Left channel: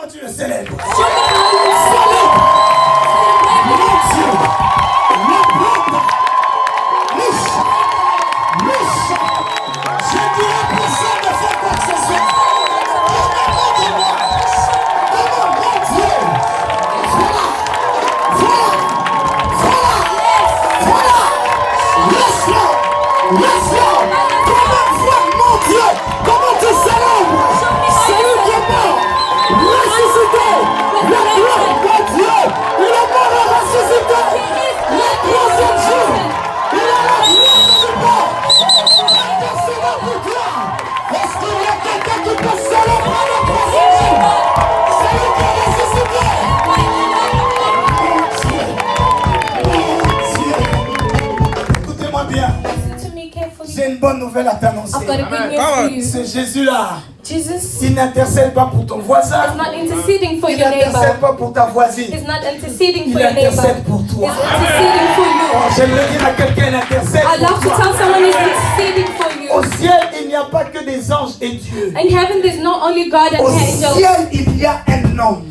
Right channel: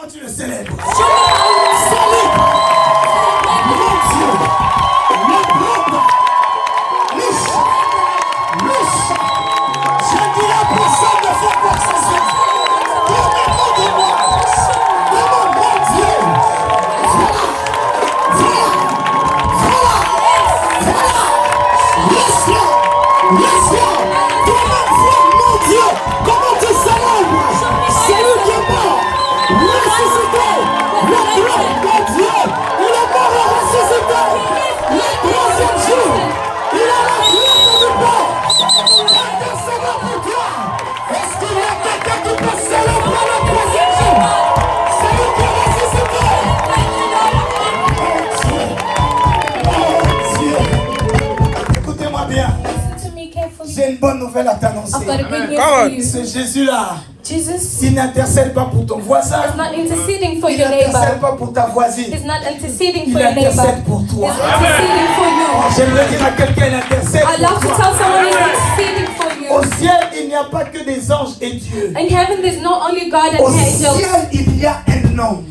comment tu le célèbres. Show me how you celebrate. Mon Dieu, la brande, louche. Je dis à personne de faire quoi que ce soit. Comment tu célèbres celui qui est mort, ressuscité, la gloire de Dieu, il est mort et ressuscité, le troisième jour, il est la gloire de mort. Est-ce qu'il y a quelqu'un qui peut célébrer le troisième jour, celui qui est ressuscité? Mon Dieu, écoutez-moi bien. J'ai une bonne nouvelle à t'annoncer. I've got a good news for you. Ce Jésus-là, Jesus il n'intercède pas pour ton voisin. is not interceding for Il your n'intercède neighbor. pas pour ta voisine. He's not interceding Il for your neighbor. intercède pour toi. He's interceding for you. J'aimerais dire à quelqu'un, il intercède I love pour to toi. tell someone who's interceding for Au you. ciel, il n'y a pas que des anges et Dieu. In heaven, there's not only God and Au angels. ciel, il y a un homme.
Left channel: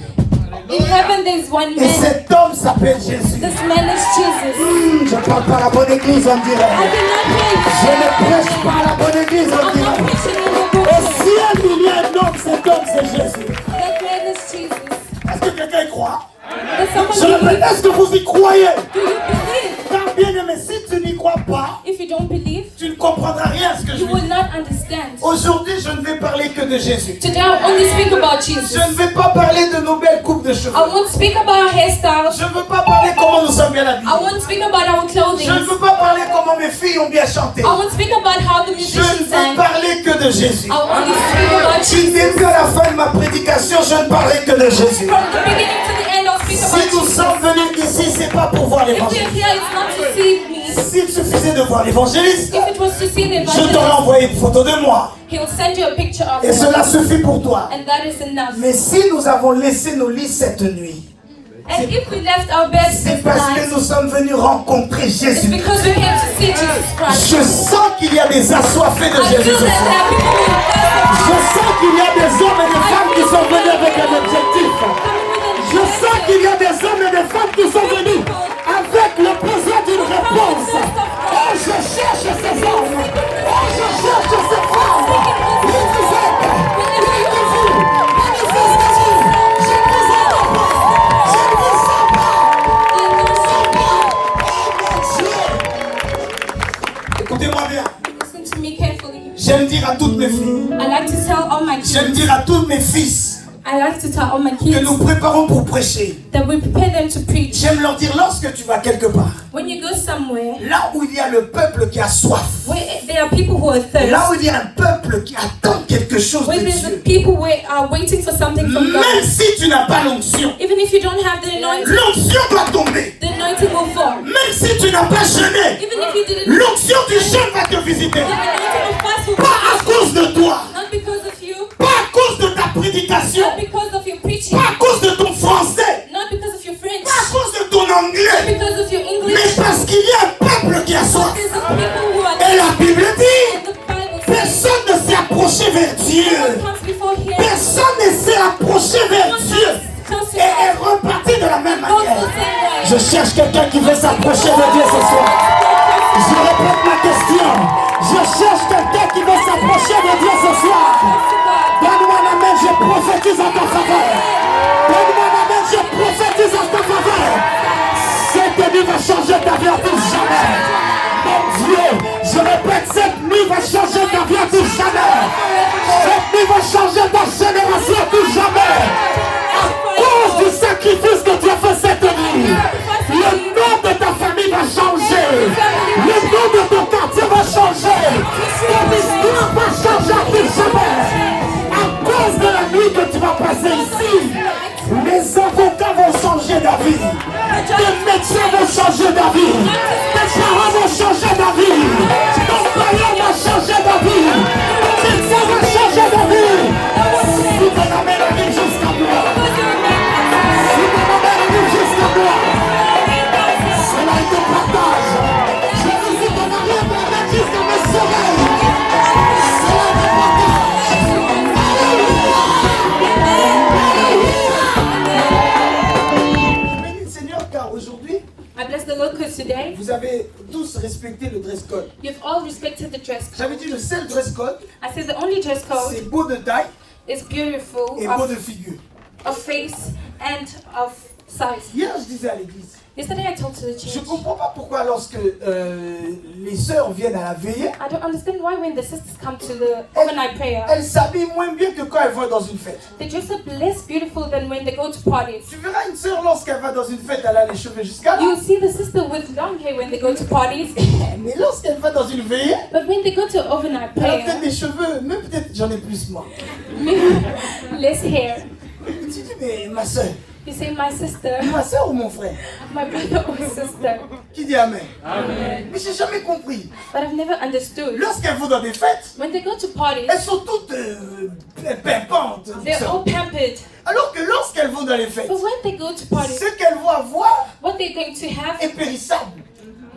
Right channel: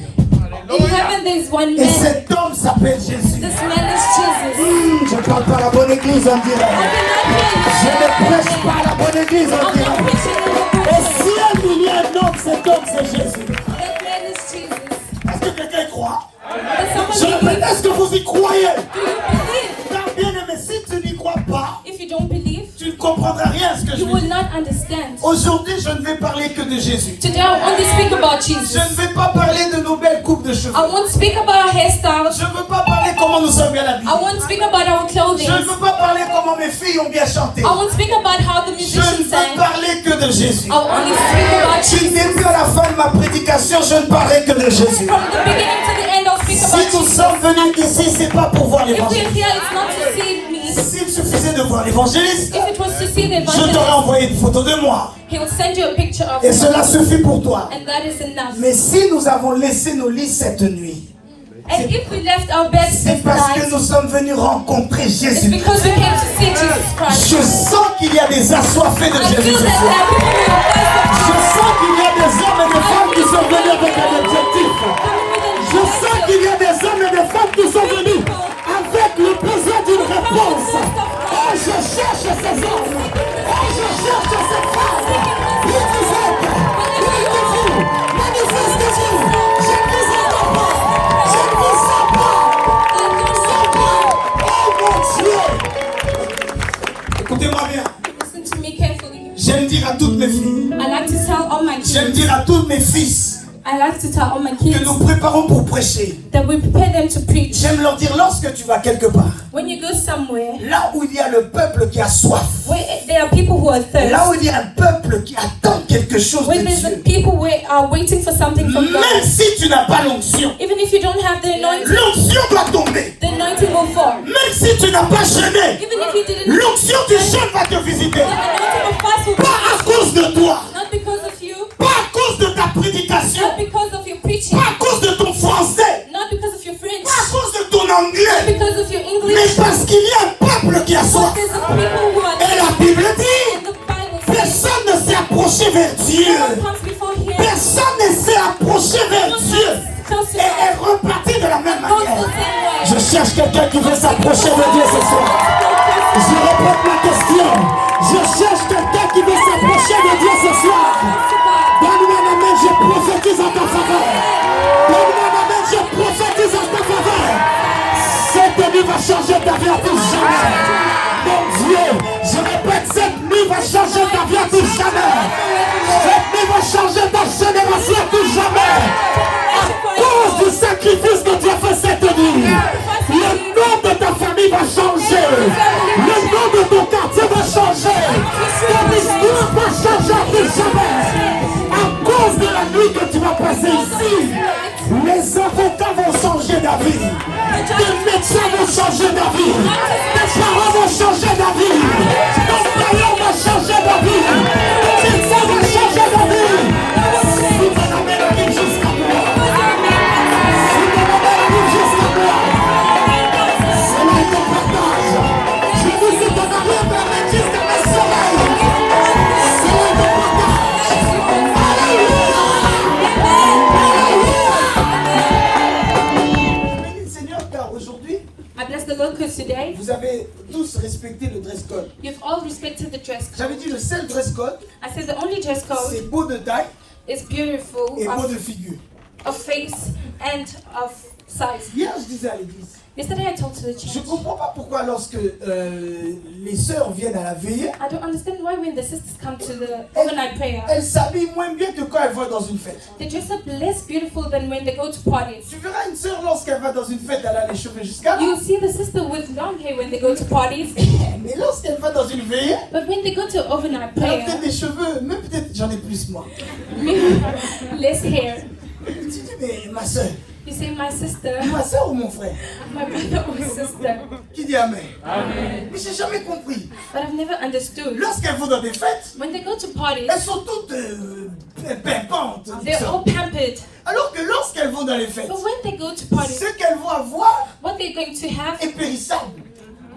In heaven, there's one Et man. cet homme s'appelle Jésus. This man is Jesus. Je ne parle pas la bonne église, on I dirait. cannot hear Je you. ne prêche pas la bonne église, on I'm not dirait. preaching in the Au pulpit. ciel, il y a un homme, cet homme, c'est Jésus. That man is Jesus. Est-ce que quelqu'un y croit? Does Je someone répète, believe? est-ce que vous y croyez? Do you believe? Car bien aimé, si tu n'y crois pas, If you don't believe, tu ne comprendras rien à ce que je you vais will dire. not understand. Aujourd'hui, je ne vais parler que de Jésus. Today, I'll only speak about Je Jesus. ne vais pas parler de nos belles coupes de cheveux. I won't speak about our hairstyles. Je ne veux pas parler comment nous sommes bien habillés. I won't speak about our Je ne clothing. veux pas parler comment mes filles ont bien chanté. I won't speak about how the Je ne musicians veux sang. parler que de Jésus. I will only speak about Si Jesus. dès que la fin de ma prédication, je ne parlerai que de Jésus. From the beginning to the end, I'll speak about Si nous Jesus. sommes venus ici, c'est pas pour voir If we're l'évangile. here, it's not to see me. S'il suffisait de voir l'évangéliste, If it was to see the je t'aurais evangelist, envoyé une photo de moi. he'll send you a picture of Et me. cela suffit pour toi. And that is enough. Mais si nous avons laissé nos lits cette nuit, And if we left our beds c'est this parce que night, nous sommes venus rencontrer it's Jésus. because we came to see Jesus Christ. Je sens qu'il y a des assoiffés de I Jésus feel ce that soir. everyone Je sens qu'il y a des hommes et des femmes qui sont venus avec un objectif. Je sens qu'il y a des hommes et des femmes qui sont venus avec le besoin d'une réponse. Et je cherche ces hommes. Et je cherche ces femmes. Qui vous êtes? Manifestez-vous. Manifestez-vous. Je ne vous entends pas. Je ne vous sens pas. Oh mon Dieu. Écoutez-moi bien. Listen to me carefully. J'aime dire à toutes mes filles. I like to tell all my J'aime kids. dire à tous mes fils I like to tell all my que kids nous préparons pour prêcher. that we prepare them to preach. J'aime leur dire lorsque tu vas quelque part, When you go somewhere là où il y a le peuple qui a soif, where there are people who are thirsty, là où il y a un peuple qui attend quelque chose where de there's a Dieu, people who are waiting for something from God. même si tu n'as pas l'onction, Even if you don't have the anointing, l'onction doit tomber. the anointing will fall. Même si tu n'as pas jeûné, Even if you didn't, l'onction du jeûne va te visiter. the anointing will pass will Pas à cause de toi, not because of you, pas à cause de ta prédication, not because of your preaching, pas à cause de ton français, not because of your French, pas à cause de ton not anglais, because of your mais English, parce qu'il y a un peuple qui a but soif. there's a people who are Et la Bible dit, in the Bible. personne ne s'est approché vers No one Dieu. comes before here. Personne ne s'est approché vers Dieu. Et est reparti de la même manière. Je cherche quelqu'un qui veut s'approcher de Dieu ce soir. Je répète ma question. Je cherche quelqu'un qui veut s'approcher de Dieu ce soir. Donne-moi la main, je prophétise en ta faveur. Donne-moi la main, je prophétise en ta faveur. Cette nuit va changer ta vie à tout jamais. Mon Dieu, je répète, cette nuit va changer ta vie à tout jamais. Cette nuit va changer ta génération à tout jamais. À cause du sacrifice que tu as fait cette nuit, le nom de ta famille va changer. Le nom de ton quartier va changer. Ton histoire va changer à tout jamais. À cause de la nuit que tu vas passer ici, les avocats vont changer d'avis. Les médecins vont changer d'avis. Tes parents vont changer d'avis. Ton père va changer d'avis. Ton médecin va changer d'avis. Si ton amène arrive jusqu'à moi, si ton amène arrive jusqu'à moi, cela est ton partage. Je dis si ton amène t'amène jusqu'à mes sommeils, cela est ton partage. Alléluia. respecté le dress code. You've all respected the dress code. J'avais dit le seul dress code, I said the only dress code c'est beau de taille is beautiful et beau de of figure. face and of size. Hier, je disais à l'église, Yesterday I talked to the je ne church. comprends pas pourquoi lorsque les sœurs viennent à la veillée, I don't understand why when the sisters come to the overnight prayer, elles s'habillent moins bien que quand elles vont dans une fête. they dress up less beautiful than when they go to parties. Tu verras une sœur lorsqu'elle va dans une fête, elle a les cheveux jusqu'à là. You see the sister with long hair when they go to parties, Mais lorsqu'elle va dans une veillée, but when they go to overnight elle a peut-être prayer, des cheveux, même peut-être j'en ai plus moi. less hair. Tu dis, mais ma soeur You say, my sister, ou mon frère? my brother or sister. Qui dit Amen? Mais j'ai jamais compris. But I've never understood. Lorsqu'elles vont dans des fêtes, When they go to parties, elles sont toutes pimpantes. they're all pampered. Alors que lorsqu'elles vont dans les fêtes, But when they go to parties, ce qu'elles vont avoir what they're going to have est périssable.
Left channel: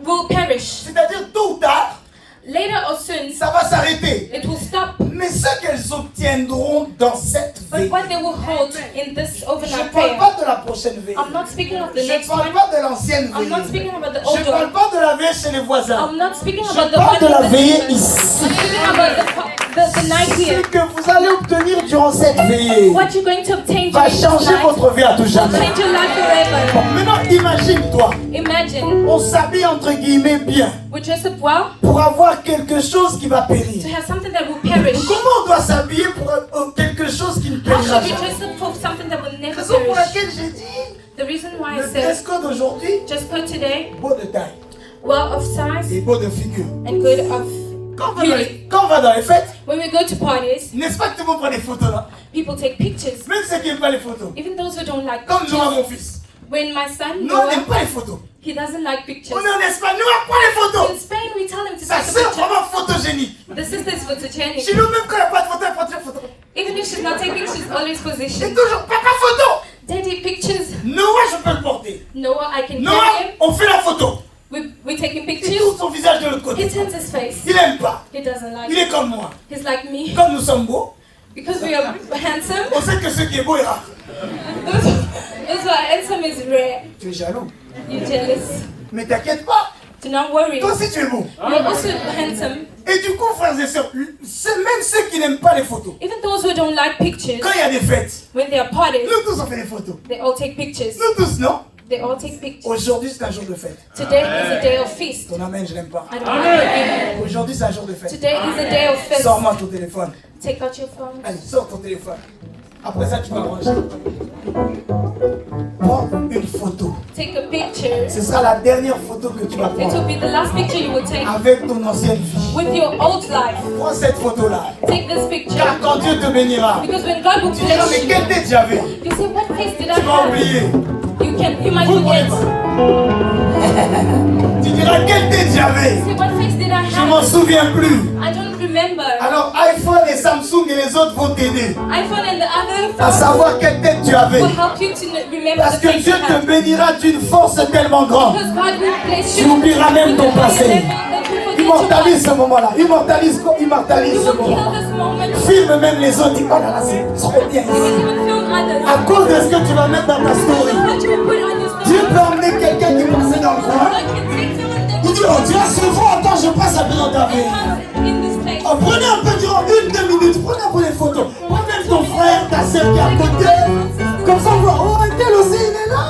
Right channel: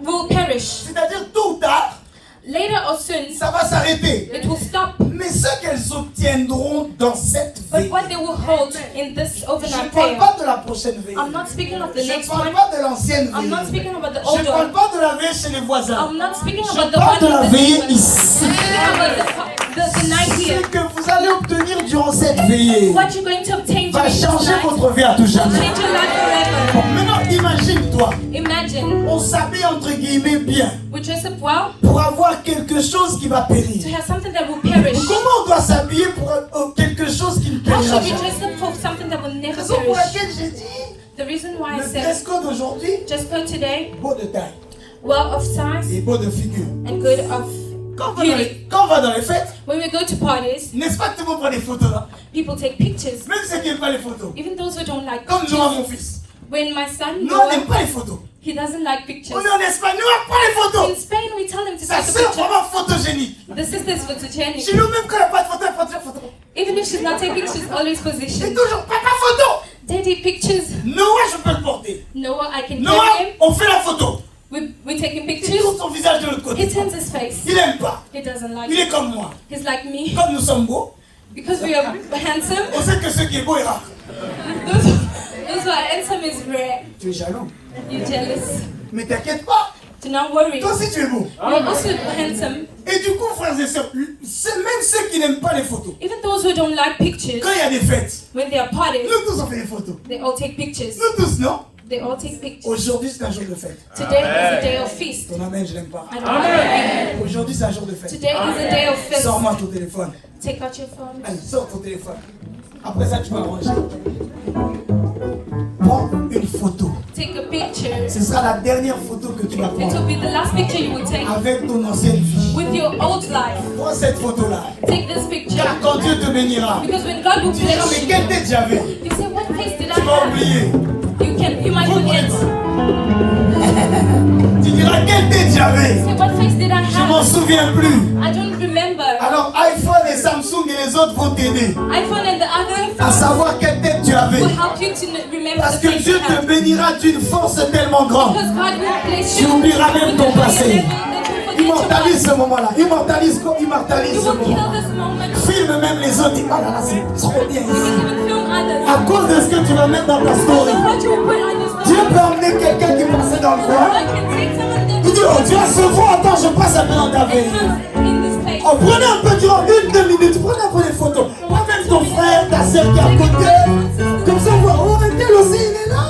will perish. C'est-à-dire, tôt ou tard, Later or soon, ça va s'arrêter. it will stop. Mais ce qu'elles obtiendront dans cette But veille, what they will hold in this je ne overnight parle prayer, pas de la prochaine veille. I'm not speaking of the Je ne next parle one. pas de l'ancienne I'm not veille. speaking about the Je ne old parle one. pas de la veille chez les voisins. I'm not speaking Je about the parle de one la in the veille neighbors. ici. I'm speaking about the night Ce here. que vous allez obtenir durant cette veillée What you're going to obtain va during this changer night votre vie à tout will jamais. change your life forever. Maintenant, imagine-toi, Imagine on s'habille entre guillemets bien we dress up well pour avoir quelque chose qui va to périr. have something that will perish. Comment on doit s'habiller pour quelque chose qui ne How périra should we jamais? dress up for something that will never Raison pour perish? laquelle j'ai dit, The reason why I le dress said code aujourd'hui, dress code today, beau de taille well of size et beau de figure. and good of beauty. Quand on va dans les fêtes, When we go to parties, n'est-ce pas que tout le monde prend des photos là? people take pictures. Même ceux qui n'aiment pas les photos. Even those who don't like Comme Noah, pictures. mon fils. When my son Nous, on n'aime Noah, pas les photos. he doesn't like pictures. On est en Espagne, nous, on prend les In photos. Spain, we tell him to Sa take a sœur, picture. vraiment photogénique. The sister is photogenic. Chez nous, même quand il n'y a pas de photo, elle prend des photos. Even if she's not taking, she's always Et positioned. toujours, papa photo. Daddy pictures. Noah, je peux le porter. Noah, I can Noah, get him. on fait la photo. We're taking Il pictures. tourne son visage de l'autre côté. He turns his face. Il n'aime pas. He doesn't like Il it. est comme moi. He's like me. Comme nous sommes beaux, Because we are handsome. on sait que ce qui est beau est rare. That's why handsome is rare. Tu es jaloux. You're jealous. Mais t'inquiète pas. Do not worry. Toi aussi, tu es beau. You're also handsome. Et du coup, frères et sœurs, même ceux qui n'aiment pas les photos, Even those who don't like pictures, quand il y a des fêtes, when there are parties, nous tous on fait des photos. they all take pictures. Nous tous, non? They all take pictures. Aujourd'hui, c'est un jour de fête. Today is a day of feast. Ton amen, je l'aime pas. I don't like it. Aujourd'hui, c'est un jour de fête. Today is a day of feast. Sors-moi ton téléphone. Take out your phone. Allez, sors ton téléphone. Après ça, tu m'arranges. Prends une photo. Take a picture. Ce sera la dernière photo que tu vas It will prendre be the last picture you will take avec ton ancienne vie. with your old life. Prends cette photo-là. Take this picture. Car quand Dieu te bénira, Because when God will tu diras, mais bless quelle you, tête j'avais? you say, what face did I Tu vas have? oublier. You might forget. Tu diras, quelle tête j'avais? Say, what face did I Je m'en have? souviens plus. I don't remember. Alors iPhone et Samsung et les autres vont t'aider iPhone and the other à phones savoir quelle tête tu avais. will help you to remember Parce the que face Dieu you te had. bénira d'une force tellement grande. Because God will bless Tu you. oublieras même ton passé. That you forget your Immortalise past. ce moment-là. Immortalise ce You will moment. kill this moment. Filme même les autres. Dis, oh là là, c'est trop bien You will ici. even film others. À cause de ce que tu vas mettre dans ta story. What you will put on your Dieu story. peut emmener quelqu'un qui passait dans le coin. I can take someone that Tu dis, oh Dieu, ce fois, attends, je passe un peu dans ta vie. was in this place. Oh, prenez un peu durant 1-2 minutes. Prenez un peu des photos. Prends même ton frère, ta soeur qui est à côté. Comme ça, on voit, oh, tel aussi, il est là.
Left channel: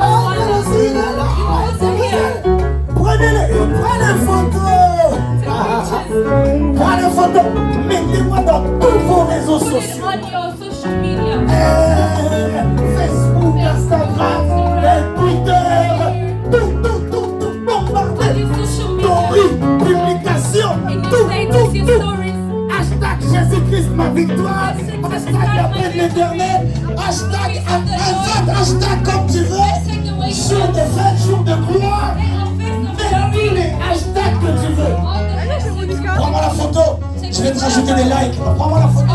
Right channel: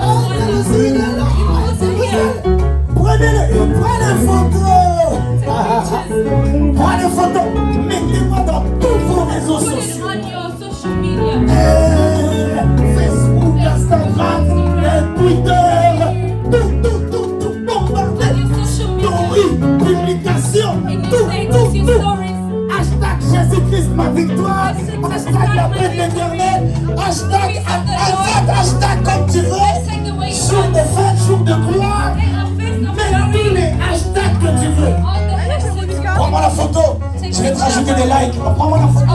Oh, tel aussi, il est là. Prenez photos. Prenez des photos. Mettez-moi dans tous vos réseaux Put it sociaux. on your social media. Facebook, Instagram, Twitter. Tout, On bombardez. your social media. Story, publication, In your tout. status, your stories. Hashtag Jésus-Christ ma victoire. Hashtag la paix de l'éternel. Hashtag hashtag comme tu veux. Take away Jour de fête, jour de gloire. Mets tous les hashtags que tu veux. all the hashtags. Prends-moi la photo. Je vais te rajouter des likes. Prends-moi la photo.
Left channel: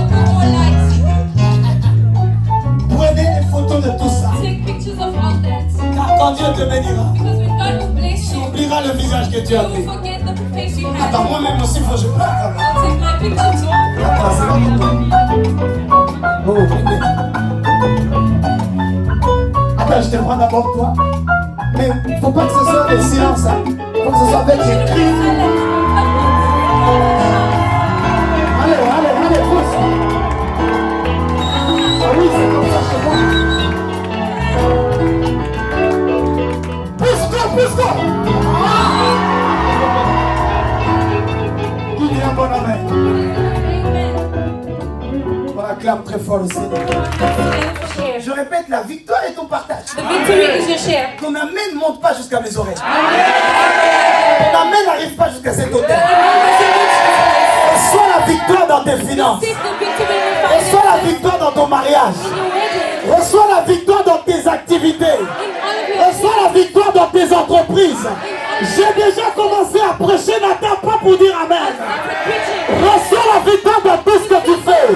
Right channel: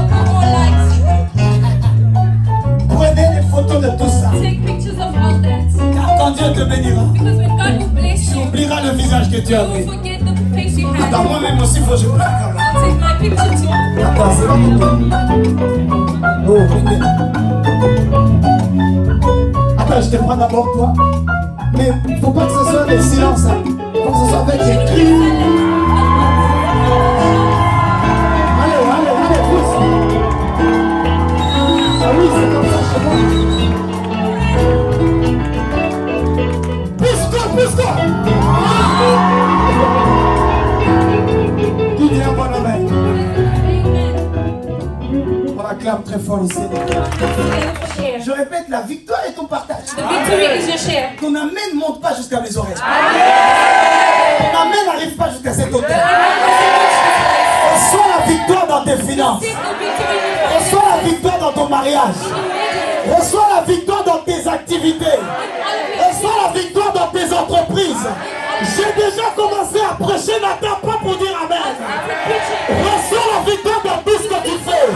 Prenez les photos de tout ça. Take pictures of all that. Car quand Dieu te bénira, Because when God will bless tu you, oublieras le visage que tu you as will vu. forget the face you had. Attends, moi-même aussi, faut que je pleure quand même. I'll take my picture too. Attends, c'est bon, venez. Attends, je te prends d'abord toi. Mais il ne faut pas que ce soit le silence. Hein. Faut que ce soit avec les cris. Allez, pousse. Ah oui, c'est comme ça chez moi. Pousse-toi. Qui dit un bon amen? On acclame très fort le Seigneur. Je répète, la victoire est ton partage. The victory is your share. Ton amen ne monte pas jusqu'à mes oreilles. Ton amen n'arrive pas jusqu'à cette hauteur. Reçois la victoire dans tes finances. Reçois la victoire dans ton mariage. Reçois la victoire dans tes activités. Reçois la victoire dans tes entreprises. J'ai déjà commencé à prêcher, n'attends pas pour dire amen. Reçois la victoire dans tout ce que tu fais.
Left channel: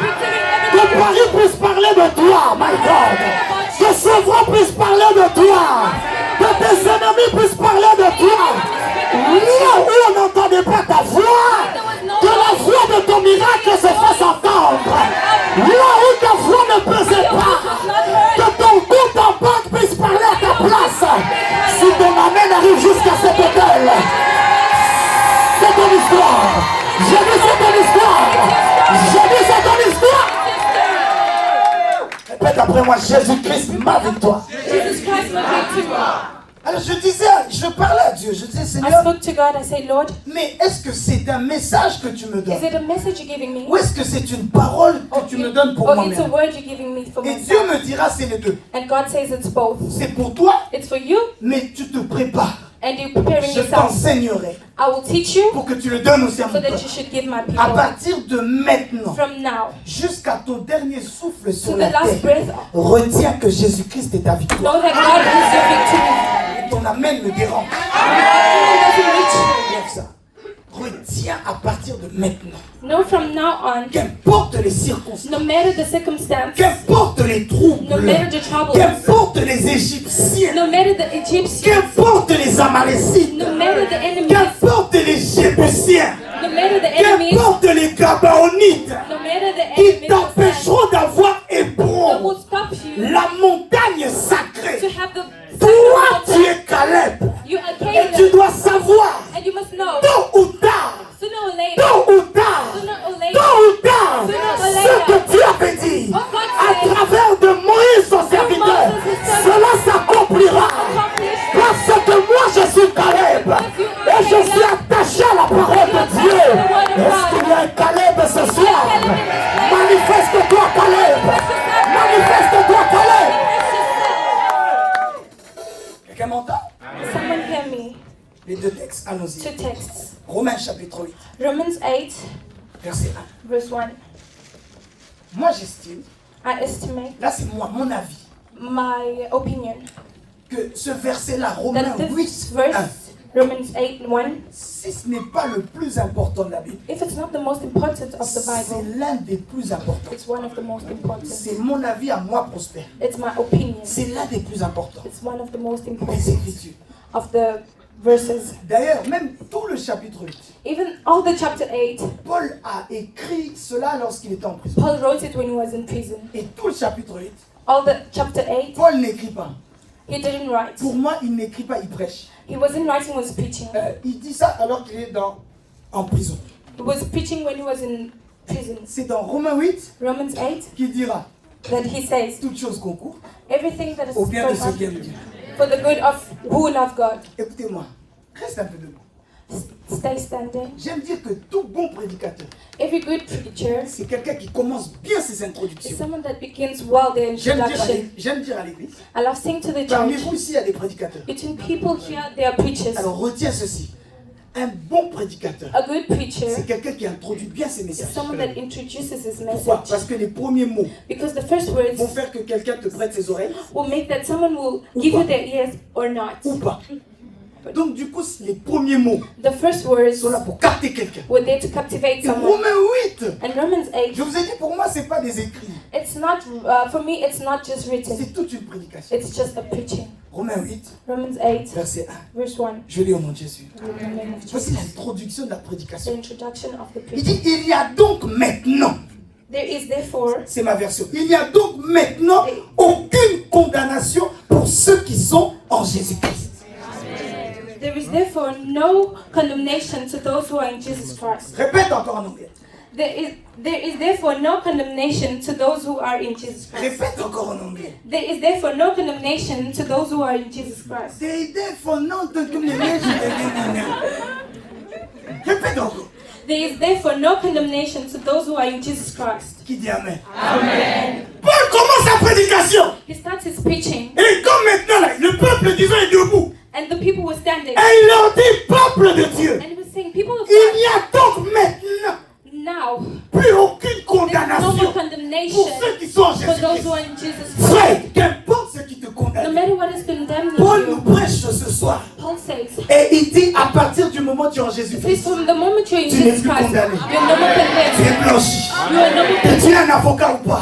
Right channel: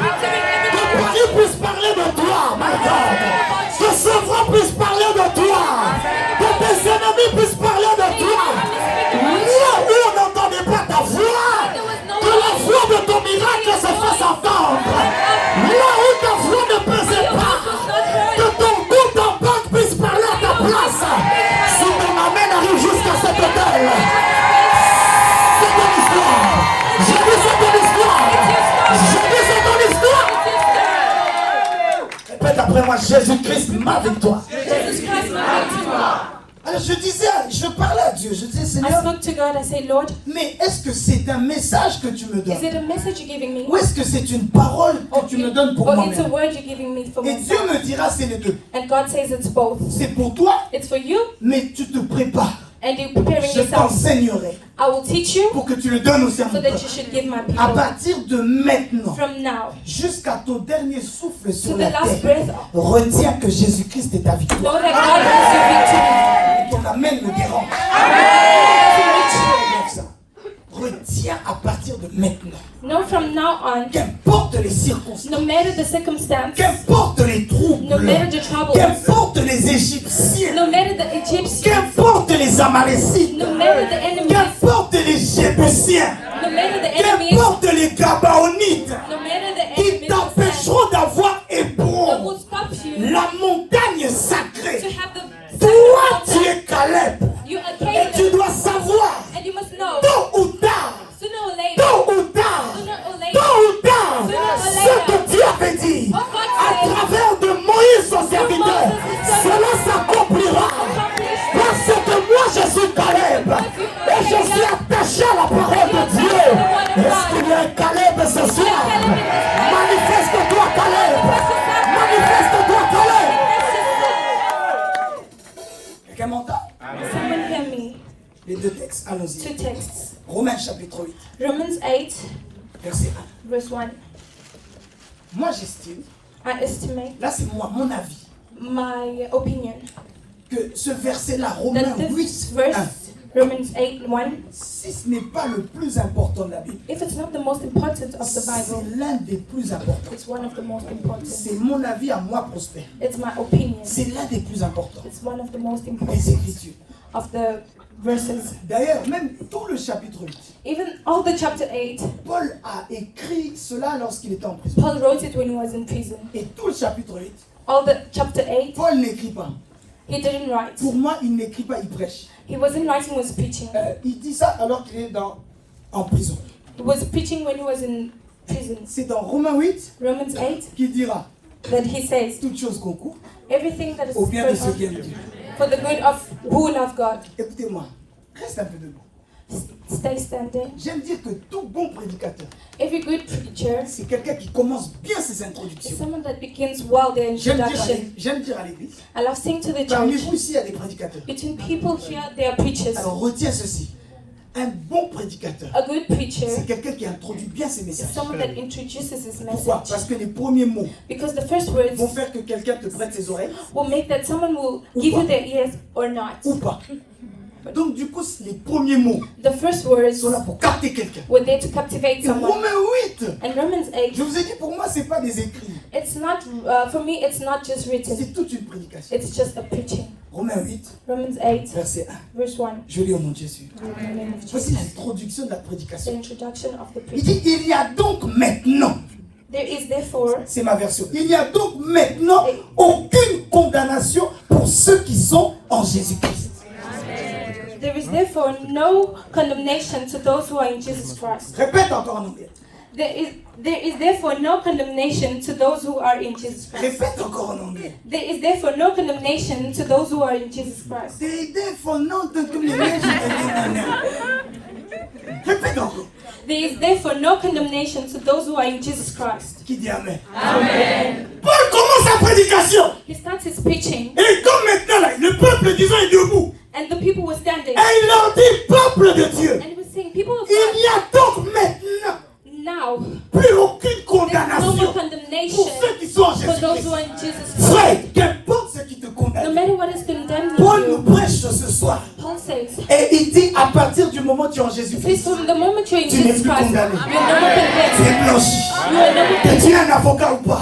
Que Paris puisse parler de toi, my God. Que Chevron puisse parler de toi. Que tes ennemis puissent parler de toi. Là où on n'entendait pas ta voix, que la voix de ton miracle se fasse entendre. Là où ta voix ne pesait pas, que ton compte en banque puisse parler à ta place. Si ton amen arrive jusqu'à cet hôtel, c'est ton histoire. Je dis c'est ton histoire. Je dis c'est ton histoire. Répète après moi, Jésus-Christ, ma victoire. Alors je disais, je parlais à Dieu, je disais I Seigneur, spoke to God. I said, Lord, mais est-ce que c'est un message que tu me is donnes? it a message you're giving me? Ou est-ce que c'est une parole que tu me donnes pour Or it's a moi-même? word you're giving me for Et Dieu myself? me dira c'est les deux. And God says it's both. C'est pour toi, It's for you, mais tu te prépares. and you're preparing Je yourself. t'enseignerai I will teach you pour que tu le donnes aussi à so mon that peuple. you should give my À people. partir de maintenant, From now jusqu'à ton dernier souffle to sur the la last terre, breath, retiens que Jésus-Christ est ta victoire. know that God is the victory. Et ton amen me dérange. Doesn't reach you. Lève ça. Retiens à partir de maintenant. Know from now on, Qu'importe les circonstances, no matter the circumstance, qu'importe les troubles, no matter the trouble, qu'importe les Égyptiens, no matter the Egyptians, qu'importe les Amalécites, no matter the enemies, qu'importe les Jébusiens, no matter the enemies, qu'importe les Gabaonites no matter the qui enemies t'empêcheront d'avoir that Hébron, will stop you la montagne to sacrée. have the Toi, tu es Caleb you are et Caleb, tu dois savoir, and you must know tôt ou tard, sooner or later, tôt ou tard, ce que Dieu avait dit à travers de Moïse son serviteur, cela s'accomplira. Parce que moi je suis Caleb et je suis attaché à la parole de Dieu. Est-ce qu'il y a un Caleb ce soir? Manifeste-toi Caleb. Manifeste-toi Caleb. Quelqu'un m'entend? someone hear me. Les deux textes, allons-y. Two texts. Romains chapitre 8, Romans 8, verset 1. verse 1. Moi j'estime, I estimate là c'est moi, mon avis, my opinion que ce verset-là, Romains that this 8, 1, verse, Romans 8, 1, si ce n'est pas le plus important de la Bible, if it's not the most important of the c'est Bible, l'un des plus importants. it's one of the most important. C'est mon avis à moi, Prosper. It's my opinion. C'est l'un des plus importants It's one of the most des important Écritures. of the verses. D'ailleurs, même tout le chapitre 8, Even all the chapter 8, Paul a écrit cela lorsqu'il était en prison. Paul wrote it when he was in prison. Et tout le chapitre 8, All the chapter 8, Paul n'écrit pas. he didn't write. Pour moi, il n'écrit pas, il prêche. He wasn't writing, he was preaching. Il dit ça alors qu'il est en prison. He was preaching when he was in prison. C'est dans Romains 8 Romans 8, qu'il dira that he says, toutes choses concourent everything that is au bien de ceux going qui on aiment Dieu. for the good of who love God. Écoutez-moi, reste un peu debout. Stay standing. J'aime dire que tout bon prédicateur, Every good preacher c'est quelqu'un qui commence bien ses is introductions. someone that begins well their introduction. J'aime dire à l'église, I love saying to the parmi church, vous ici, il y a des prédicateurs. between people here, they are preachers. Alors retiens ceci, un bon prédicateur, A good preacher c'est quelqu'un qui introduit bien ses is messages. someone that introduces his Pourquoi? message. Parce que les premiers mots Because the first words vont faire que quelqu'un te prête ses oreilles will make that someone will give you their ears or not. ou pas. Donc du coup, les premiers mots The first words sont là pour capter quelqu'un. were there to captivate Et someone. Romains 8, And Romans 8, je vous ai dit, pour moi, c'est pas des écrits, it's not, for me, it's not just written. c'est toute une prédication. It's just a preaching. Romains 8, Romans 8, verset 1. verse 1. Je lis au nom de Jésus. In the name of Jesus. Voici l'introduction de la The prédication. introduction of the Il preaching. dit, il y a donc maintenant, There is therefore, c'est ma version, il n'y a donc maintenant aucune condamnation pour ceux qui sont en Jésus-Christ. There is therefore no condemnation to those who are in Jesus Christ. Répète encore en anglais. There is therefore no condemnation to those who are in Jesus Christ. Répète encore en anglais. There is therefore no condemnation to those who are in Jesus Christ. There is therefore no condemnation. Répète encore. There is therefore no condemnation to those who are in Jesus Christ. Qui dit Amen? Amen. Paul commence sa prédication. He starts his preaching, Et comme maintenant, là, le peuple disant est debout. and the people were standing. Et il leur dit, peuple de Dieu, And he was saying, people of il God, n'y a donc maintenant now plus aucune there's no more condamnation condemnation pour ceux qui sont en for those Jésus-Christ. who are in Jesus Christ. Frère, qu'importe ce qui te No condamne. matter what has been done Paul with nous you, prêche ce soir. Paul says, Et il dit, à partir du moment où tu es en says Jésus-Christ, from the moment you're in Tu n'es Jesus plus Christ, condamné. you're no more tu condemned. es blanchi. You are no more Que condemned. tu es un avocat ou pas,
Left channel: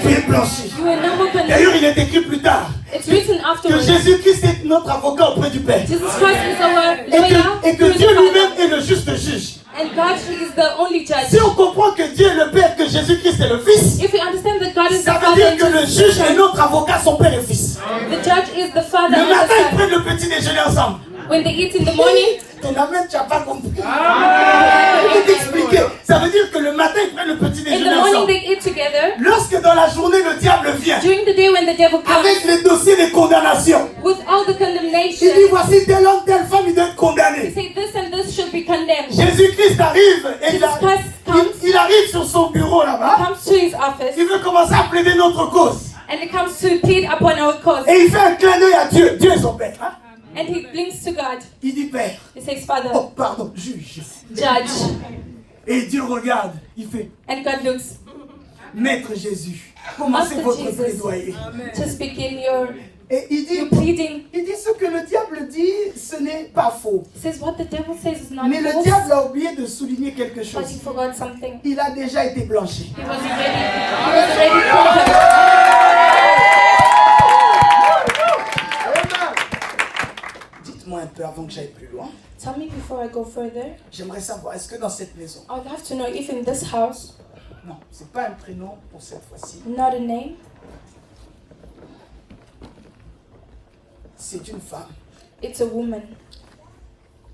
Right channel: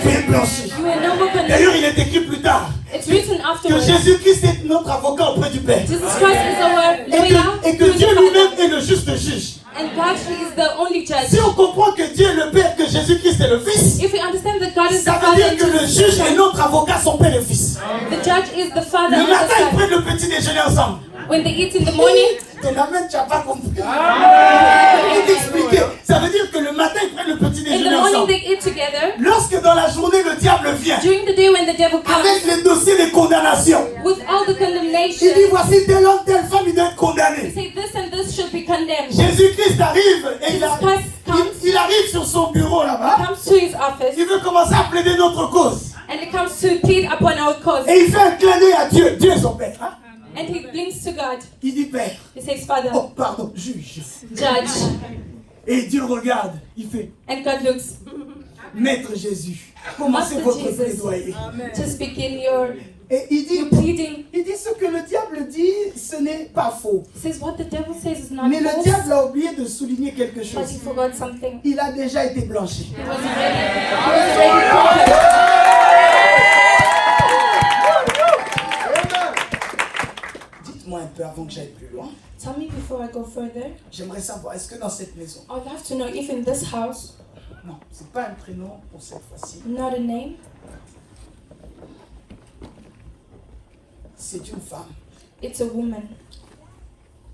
tu es blanchi. You are no more condemned. D'ailleurs, il est écrit plus tard It's written que afterwards. Jésus-Christ est notre avocat auprès du Père. Jesus Christ is our Et lawyer, que who is Dieu the lui-même Father, est le juste juge. and God is the only judge. Si on comprend que Dieu est le Père, que Jésus-Christ est le Fils, If we understand that God is the ça veut Father dire and que le Jesus is the juge et Son, notre avocat sont Père et Fils. the judge is the Father Le and matin, the ils Son. prennent le petit déjeuner ensemble. When they eat in the morning, Tu n'as pas compris. Je vais t'expliquer. Ça veut dire que le matin, ils prennent le petit in the déjeuner morning ensemble. they eat together. Lorsque dans la journée, le diable vient During the day when the devil comes avec les dossiers de condamnation, with all the il dit condemnation, voici tel homme, telle femme, il doit être he condamné. say this and this should be condemned. Jésus-Christ arrive et Jesus il arrive sur son bureau là-bas. comes to his office Il veut commencer à plaider notre cause. and he comes to plead upon our cause. Et il fait un clin d'œil à Dieu. Dieu est son Père. Hein? And he blinks to God. Il dit Père. He says, Father, Oh, pardon, juge. judge. Et Dieu regarde. Il fait And God looks, Maître Jésus, commencez Master votre Jesus. plaidoyer. just begin your Et il dit pleading. ce que le diable dit, ce n'est pas faux. He says what the devil says is not Mais le false, diable a oublié de souligner quelque but chose. he forgot something. Il a déjà été blanchi. He was already conquered. Dites-moi un peu avant que j'aille plus loin. Tell me before I go further, J'aimerais savoir, est-ce que dans cette maison, I would have to know if in this house, non, c'est pas un prénom pour cette fois-ci, not a name, c'est une femme. it's a woman.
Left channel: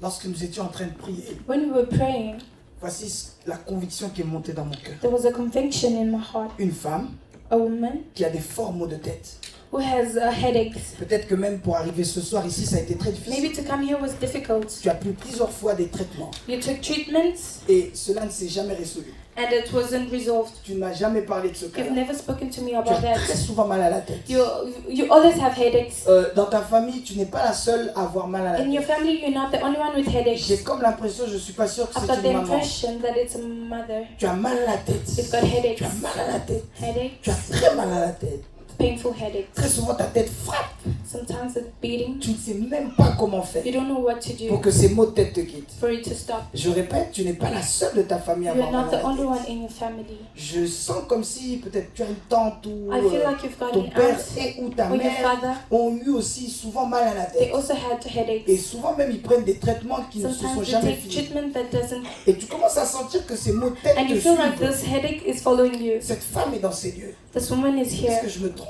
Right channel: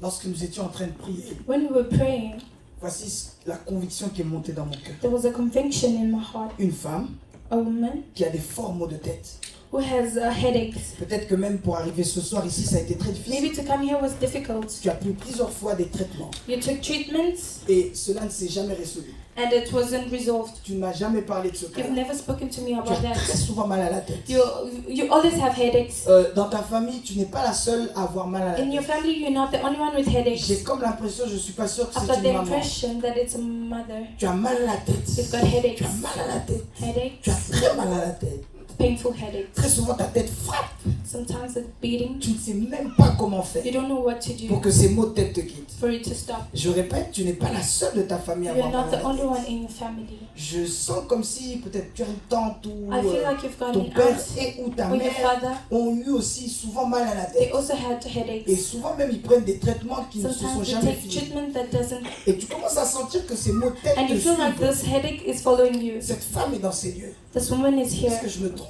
Lorsque nous étions en train de prier, When we were praying, voici la conviction qui est montée dans mon cœur. there was a conviction in my heart. Une femme A woman qui a des forts maux de tête. who has headaches. Peut-être que même pour arriver ce soir ici, ça a été très Maybe difficile. to come here was difficult. Tu as pris plusieurs fois des traitements You took treatments et cela ne s'est jamais résolu. and it wasn't resolved. Tu ne m'as jamais parlé de ce cas. You've never spoken to me Tu about as très that. souvent mal à la tête. You always have headaches. Dans ta famille, tu n'es pas la seule à avoir mal à la In your tête. family, you're not the only one with headaches. J'ai comme l'impression, je ne suis pas sûr que I've c'est got the une maman. impression that it's a mother. Tu as mal à la tête. You've got headaches. Tu as mal à la tête. Headaches, Tu as très mal à la tête. painful headaches. Très souvent, ta tête frappe. Sometimes it's beating. Tu ne sais même pas comment faire You don't know what to pour do que ces maux de tête te quittent. for it to stop. Je répète, tu n'es pas la seule de ta famille à You're avoir not mal the à la only tête. one in your family. Je sens comme si peut-être tu as une tante ou I feel like you've got ton an père aunt et ou ta or your mère father. ont eu aussi souvent mal à la They tête. also had Et headaches. souvent même ils prennent des traitements qui ne se sont Sometimes they jamais take finis. treatment that doesn't, Et tu commences à sentir que ces maux de tête and te you feel like suivent. this headache is following you. Cette femme est dans ces lieux. This woman is Est-ce here. que je me trompe?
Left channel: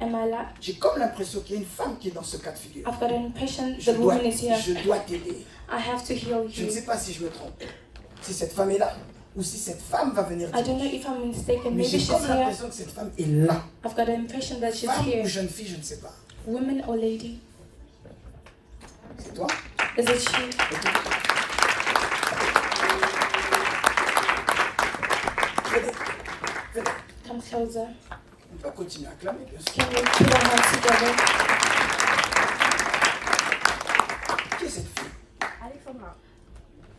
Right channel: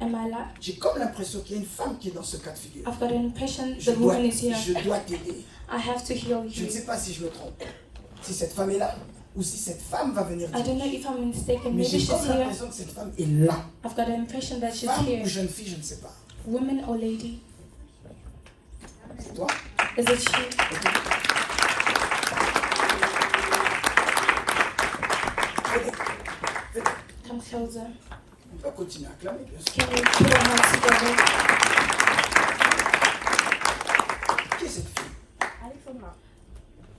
Am I like? J'ai comme l'impression qu'il y a une femme qui est dans ce cas de figure. I've got an impression Je the dois, woman is here. je dois t'aider. I have to heal Je ne you. sais pas si je me trompe. Si cette femme est là ou si cette femme va venir I don't know dire. if I'm mistaken. Mais Maybe j'ai she's comme here. l'impression que cette femme est là. I've got an impression that she's Femme ou here. jeune fille, je ne sais pas. Woman or lady? C'est toi? Is it she? Ok. Venez. Venez. Come closer. On peut continuer à clamer, bien sûr. Can we put our hands together? Qui est cette fille? Alexandra,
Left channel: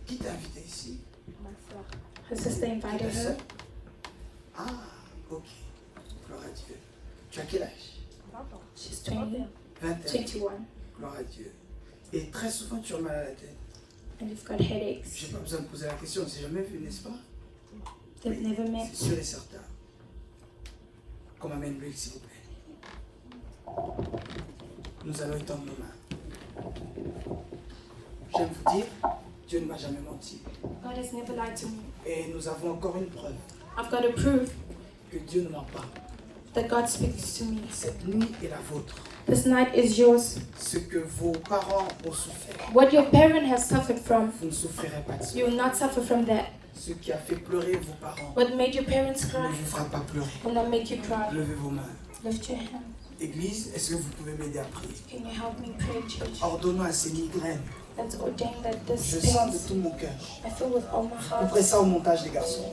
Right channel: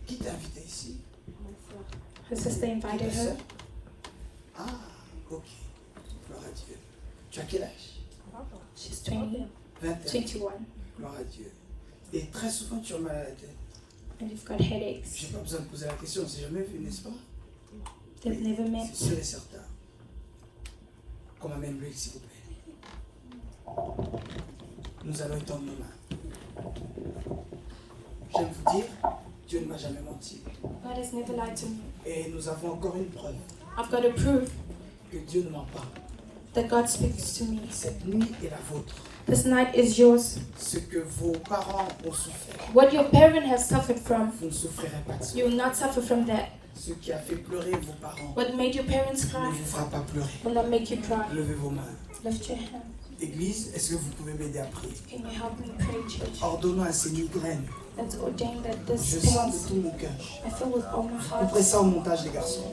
Qui t'a invité ici? ma soeur. Her sister Ta invited sœur? her. Ah, ok. Gloire à Dieu. Tu as quel âge? 20 ans. She's 20, 21. 21, Gloire à Dieu. Et très souvent, tu as mal à la tête. and you've got headaches. Je n'ai pas besoin de poser la question, on ne s'est jamais vu, n'est-ce pas? They've never met. C'est sûr et certain. Qu'on m'amène l'huile, s'il vous plaît. Nous allons étendre nos mains. Je vais vous dire, Dieu ne m'a jamais menti. God has never lied to me. Et nous avons encore une preuve I've got to prove que Dieu ne ment pas. that God speaks to me. Cette nuit est la vôtre. This night is yours. Ce que vos parents ont souffert, What your parent has suffered from, vous ne souffrirez pas de ça. you will not suffer from that. Ce qui a fait pleurer vos parents What made your parents ne cry vous fera pas pleurer. will not make you cry. Levez vos mains. Lift your hand. Église, est-ce que vous pouvez m'aider à prier? Can you help me pray, church? Ordonnons à ces migraines. Let's ordain that this Je sens de pains. tout mon cœur. I feel with all my heart. Couperez ça au montage, les garçons.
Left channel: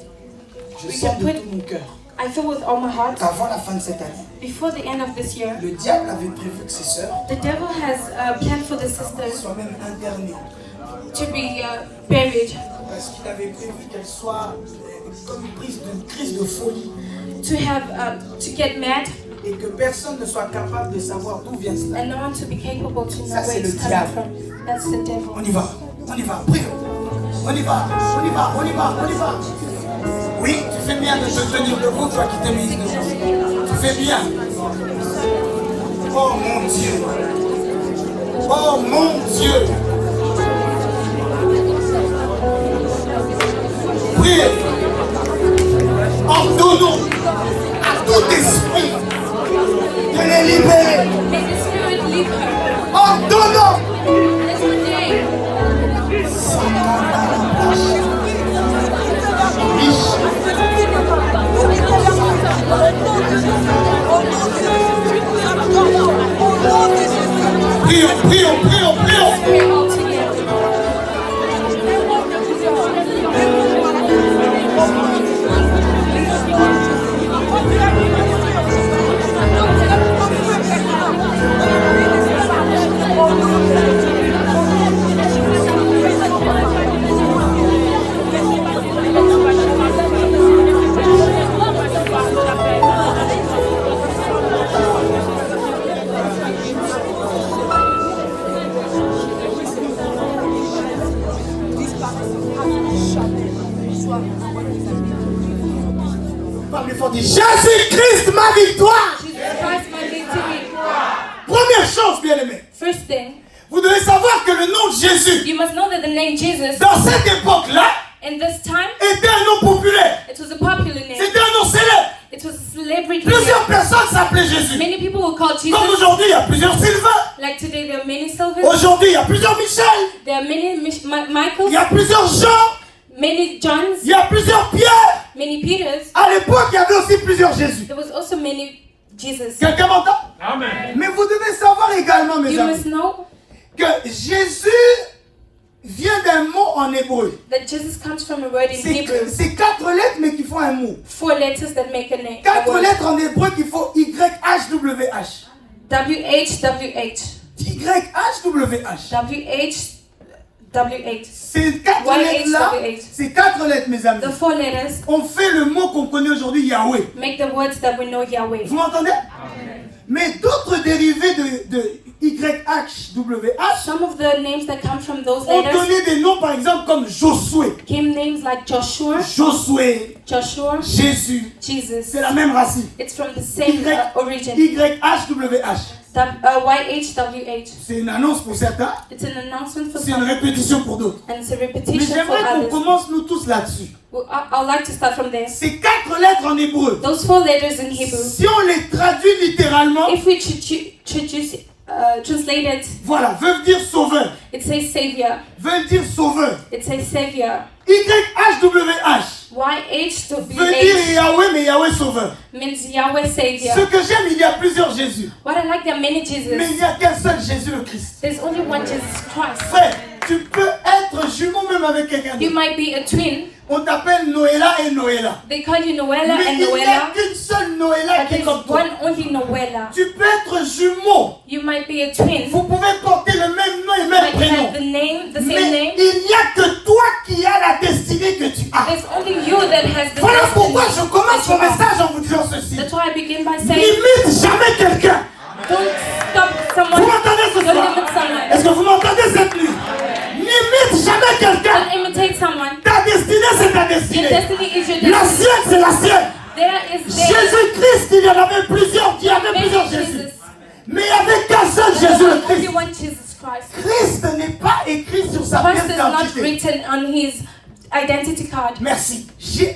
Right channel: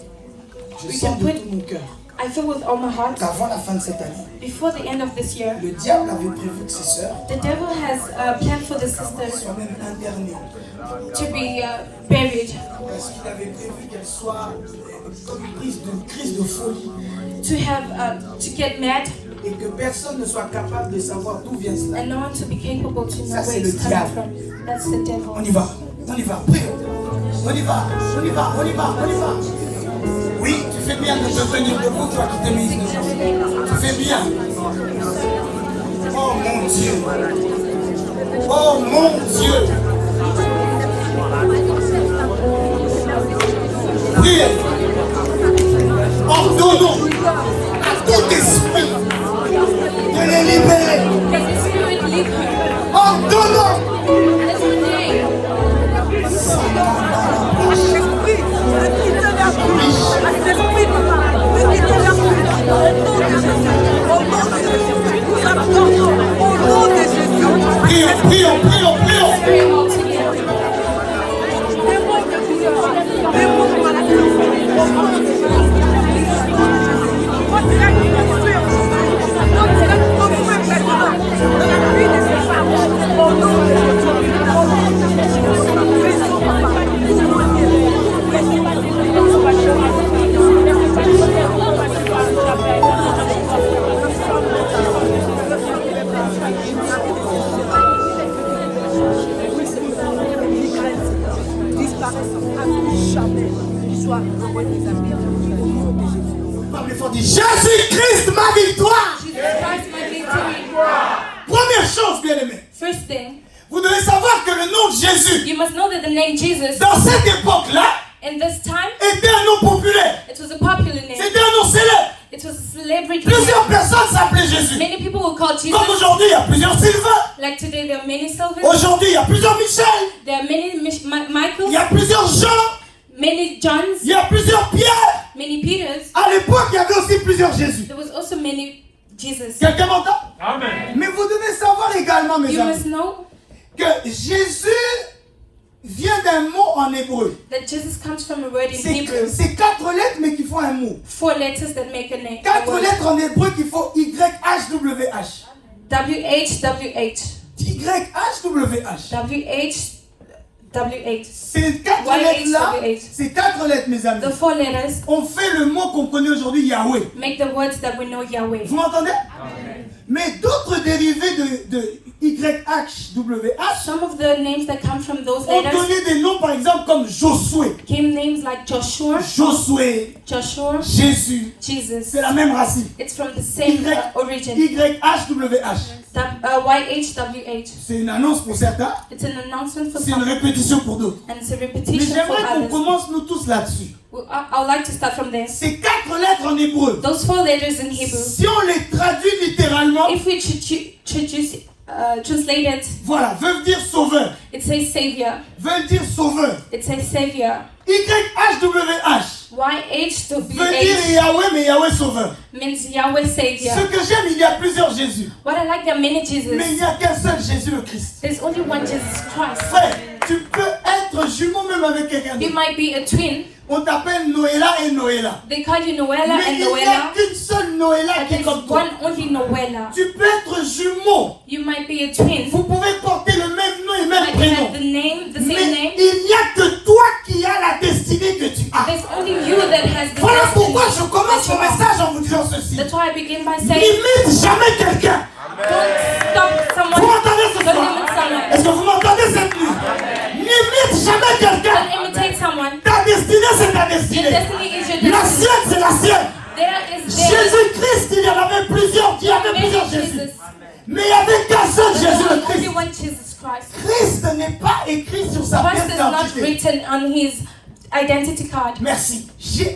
Je We sens can de put- tout mon cœur I feel with all my heart. qu'avant la fin de cette année, Before the end of this year, le diable avait prévu que ces sœurs the devil has planned for the sisters soient même internées. to be buried, Parce qu'il avait prévu qu'elles soient comme une crise de folie. to have to get mad, Et que personne ne soit capable de savoir d'où vient cela. and no one to be capable to know Ça, c'est where le it's coming diable. from. That's the devil. On y va, prions. On y va, on y va, on y va, on y va. Oui, tu fais bien de te tenir debout, toi qui t'es mise debout. Tu fais bien. Oh mon Dieu. Oh mon Dieu. Priez. Ordonnons à tout esprit de les libérer. Let the spirit leave her. Ordonnons. Let's ordain. Prions, prions, prions, prions. Pray all together. Jésus-Christ, ma victoire. Jesus Christ, my victory. Première chose, bien-aimé, First thing, vous devez savoir que le nom de Jésus, you must know that the name Jesus, dans cette époque-là, in this time, était un nom populaire. it was a popular name. C'était un nom célèbre. It was a celebrity. Plusieurs personnes s'appelaient Jésus. Many people will call Comme Jesus. aujourd'hui, il y a plusieurs Sylvain. Like today, there are many Sylvans. Aujourd'hui, il y a plusieurs Michel. There are many Il Michaels, y a plusieurs Jean. many Johns, Il y a plusieurs Pierre. many Peters. À l'époque, il y avait aussi plusieurs Jésus. There was also many Jesus. Quelqu'un m'entend? Amen. Mais vous devez savoir également, mes You must amis, know que Jésus vient d'un mot en hébreu. that Jesus comes from a word in Hebrew. C'est 4 lettres, mais qui font un mot. 4 letters that make a name. 4 lettres en hébreu qui font YHWH. WHWH. YHWH. WHWH. Ces 4 lettres-là, ces 4 lettres, mes amis, The 4 letters ont fait le mot qu'on connaît aujourd'hui, Yahweh. make the words that we know Yahweh. Vous m'entendez? Mais d'autres dérivés de YHWH Some of the names that come from those ont letters donné des noms, par exemple, comme Josué. came names like Joshua, Josué, Jésus, Jesus. c'est la même racine. It's from the same origin. YHWH. YHWH. C'est une annonce pour certains, It's an announcement for c'est une some, répétition pour d'autres. and it's a Mais repetition for j'aimerais qu'on others. commence nous tous là-dessus. Well, I'd like to start from there. Ces 4 lettres en hébreu, Those 4 letters in Hebrew, si on les traduit littéralement, if we translate it, voilà, veulent dire sauveur, it says Savior. veulent dire sauveur. It says Savior. YHWH veut dire YHWH Yahweh, mais Yahweh sauveur. means Yahweh Ce Savior. que j'aime, il y a plusieurs Jésus. What I like, there are many Mais il Jesus. n'y a qu'un seul Jésus le Christ. There's only one Jesus Christ. Frère, tu peux être jumeau même avec quelqu'un You d'autre. might be a twin. On t'appelle Noëlla et Noëlla. They call you Noella Mais and il n'y a Noella. qu'une seule Noëlla But qui est there's comme toi. one only Noella. Tu peux être jumeau. You might be a twin. Vous pouvez porter le même nom et même But you prénom. have the name, the Mais same name. il n'y a que toi qui as la destinée que tu as. There's only you that has the Voilà destiny pourquoi je commence that mon you have. message en vous disant ceci. That's why I begin by saying, N'imite jamais quelqu'un. don't stop Vous someone. m'entendez ce Don't soir? limit someone. Est-ce que vous m'entendez cette nuit? N'imite jamais quelqu'un. Don't imitate someone. Ta destinée, c'est ta Your destinée. destiny is your La destiny. sienne, c'est la sienne. There is there. Jésus-Christ, il y en avait plusieurs. Il y avait plusieurs Many Jésus. Jesus. Mais il n'y avait qu'un seul There's Jésus le only Christ. one Jesus Christ. Christ n'est pas écrit sur sa Christ pièce is not d'identité. written on his identity card. Merci.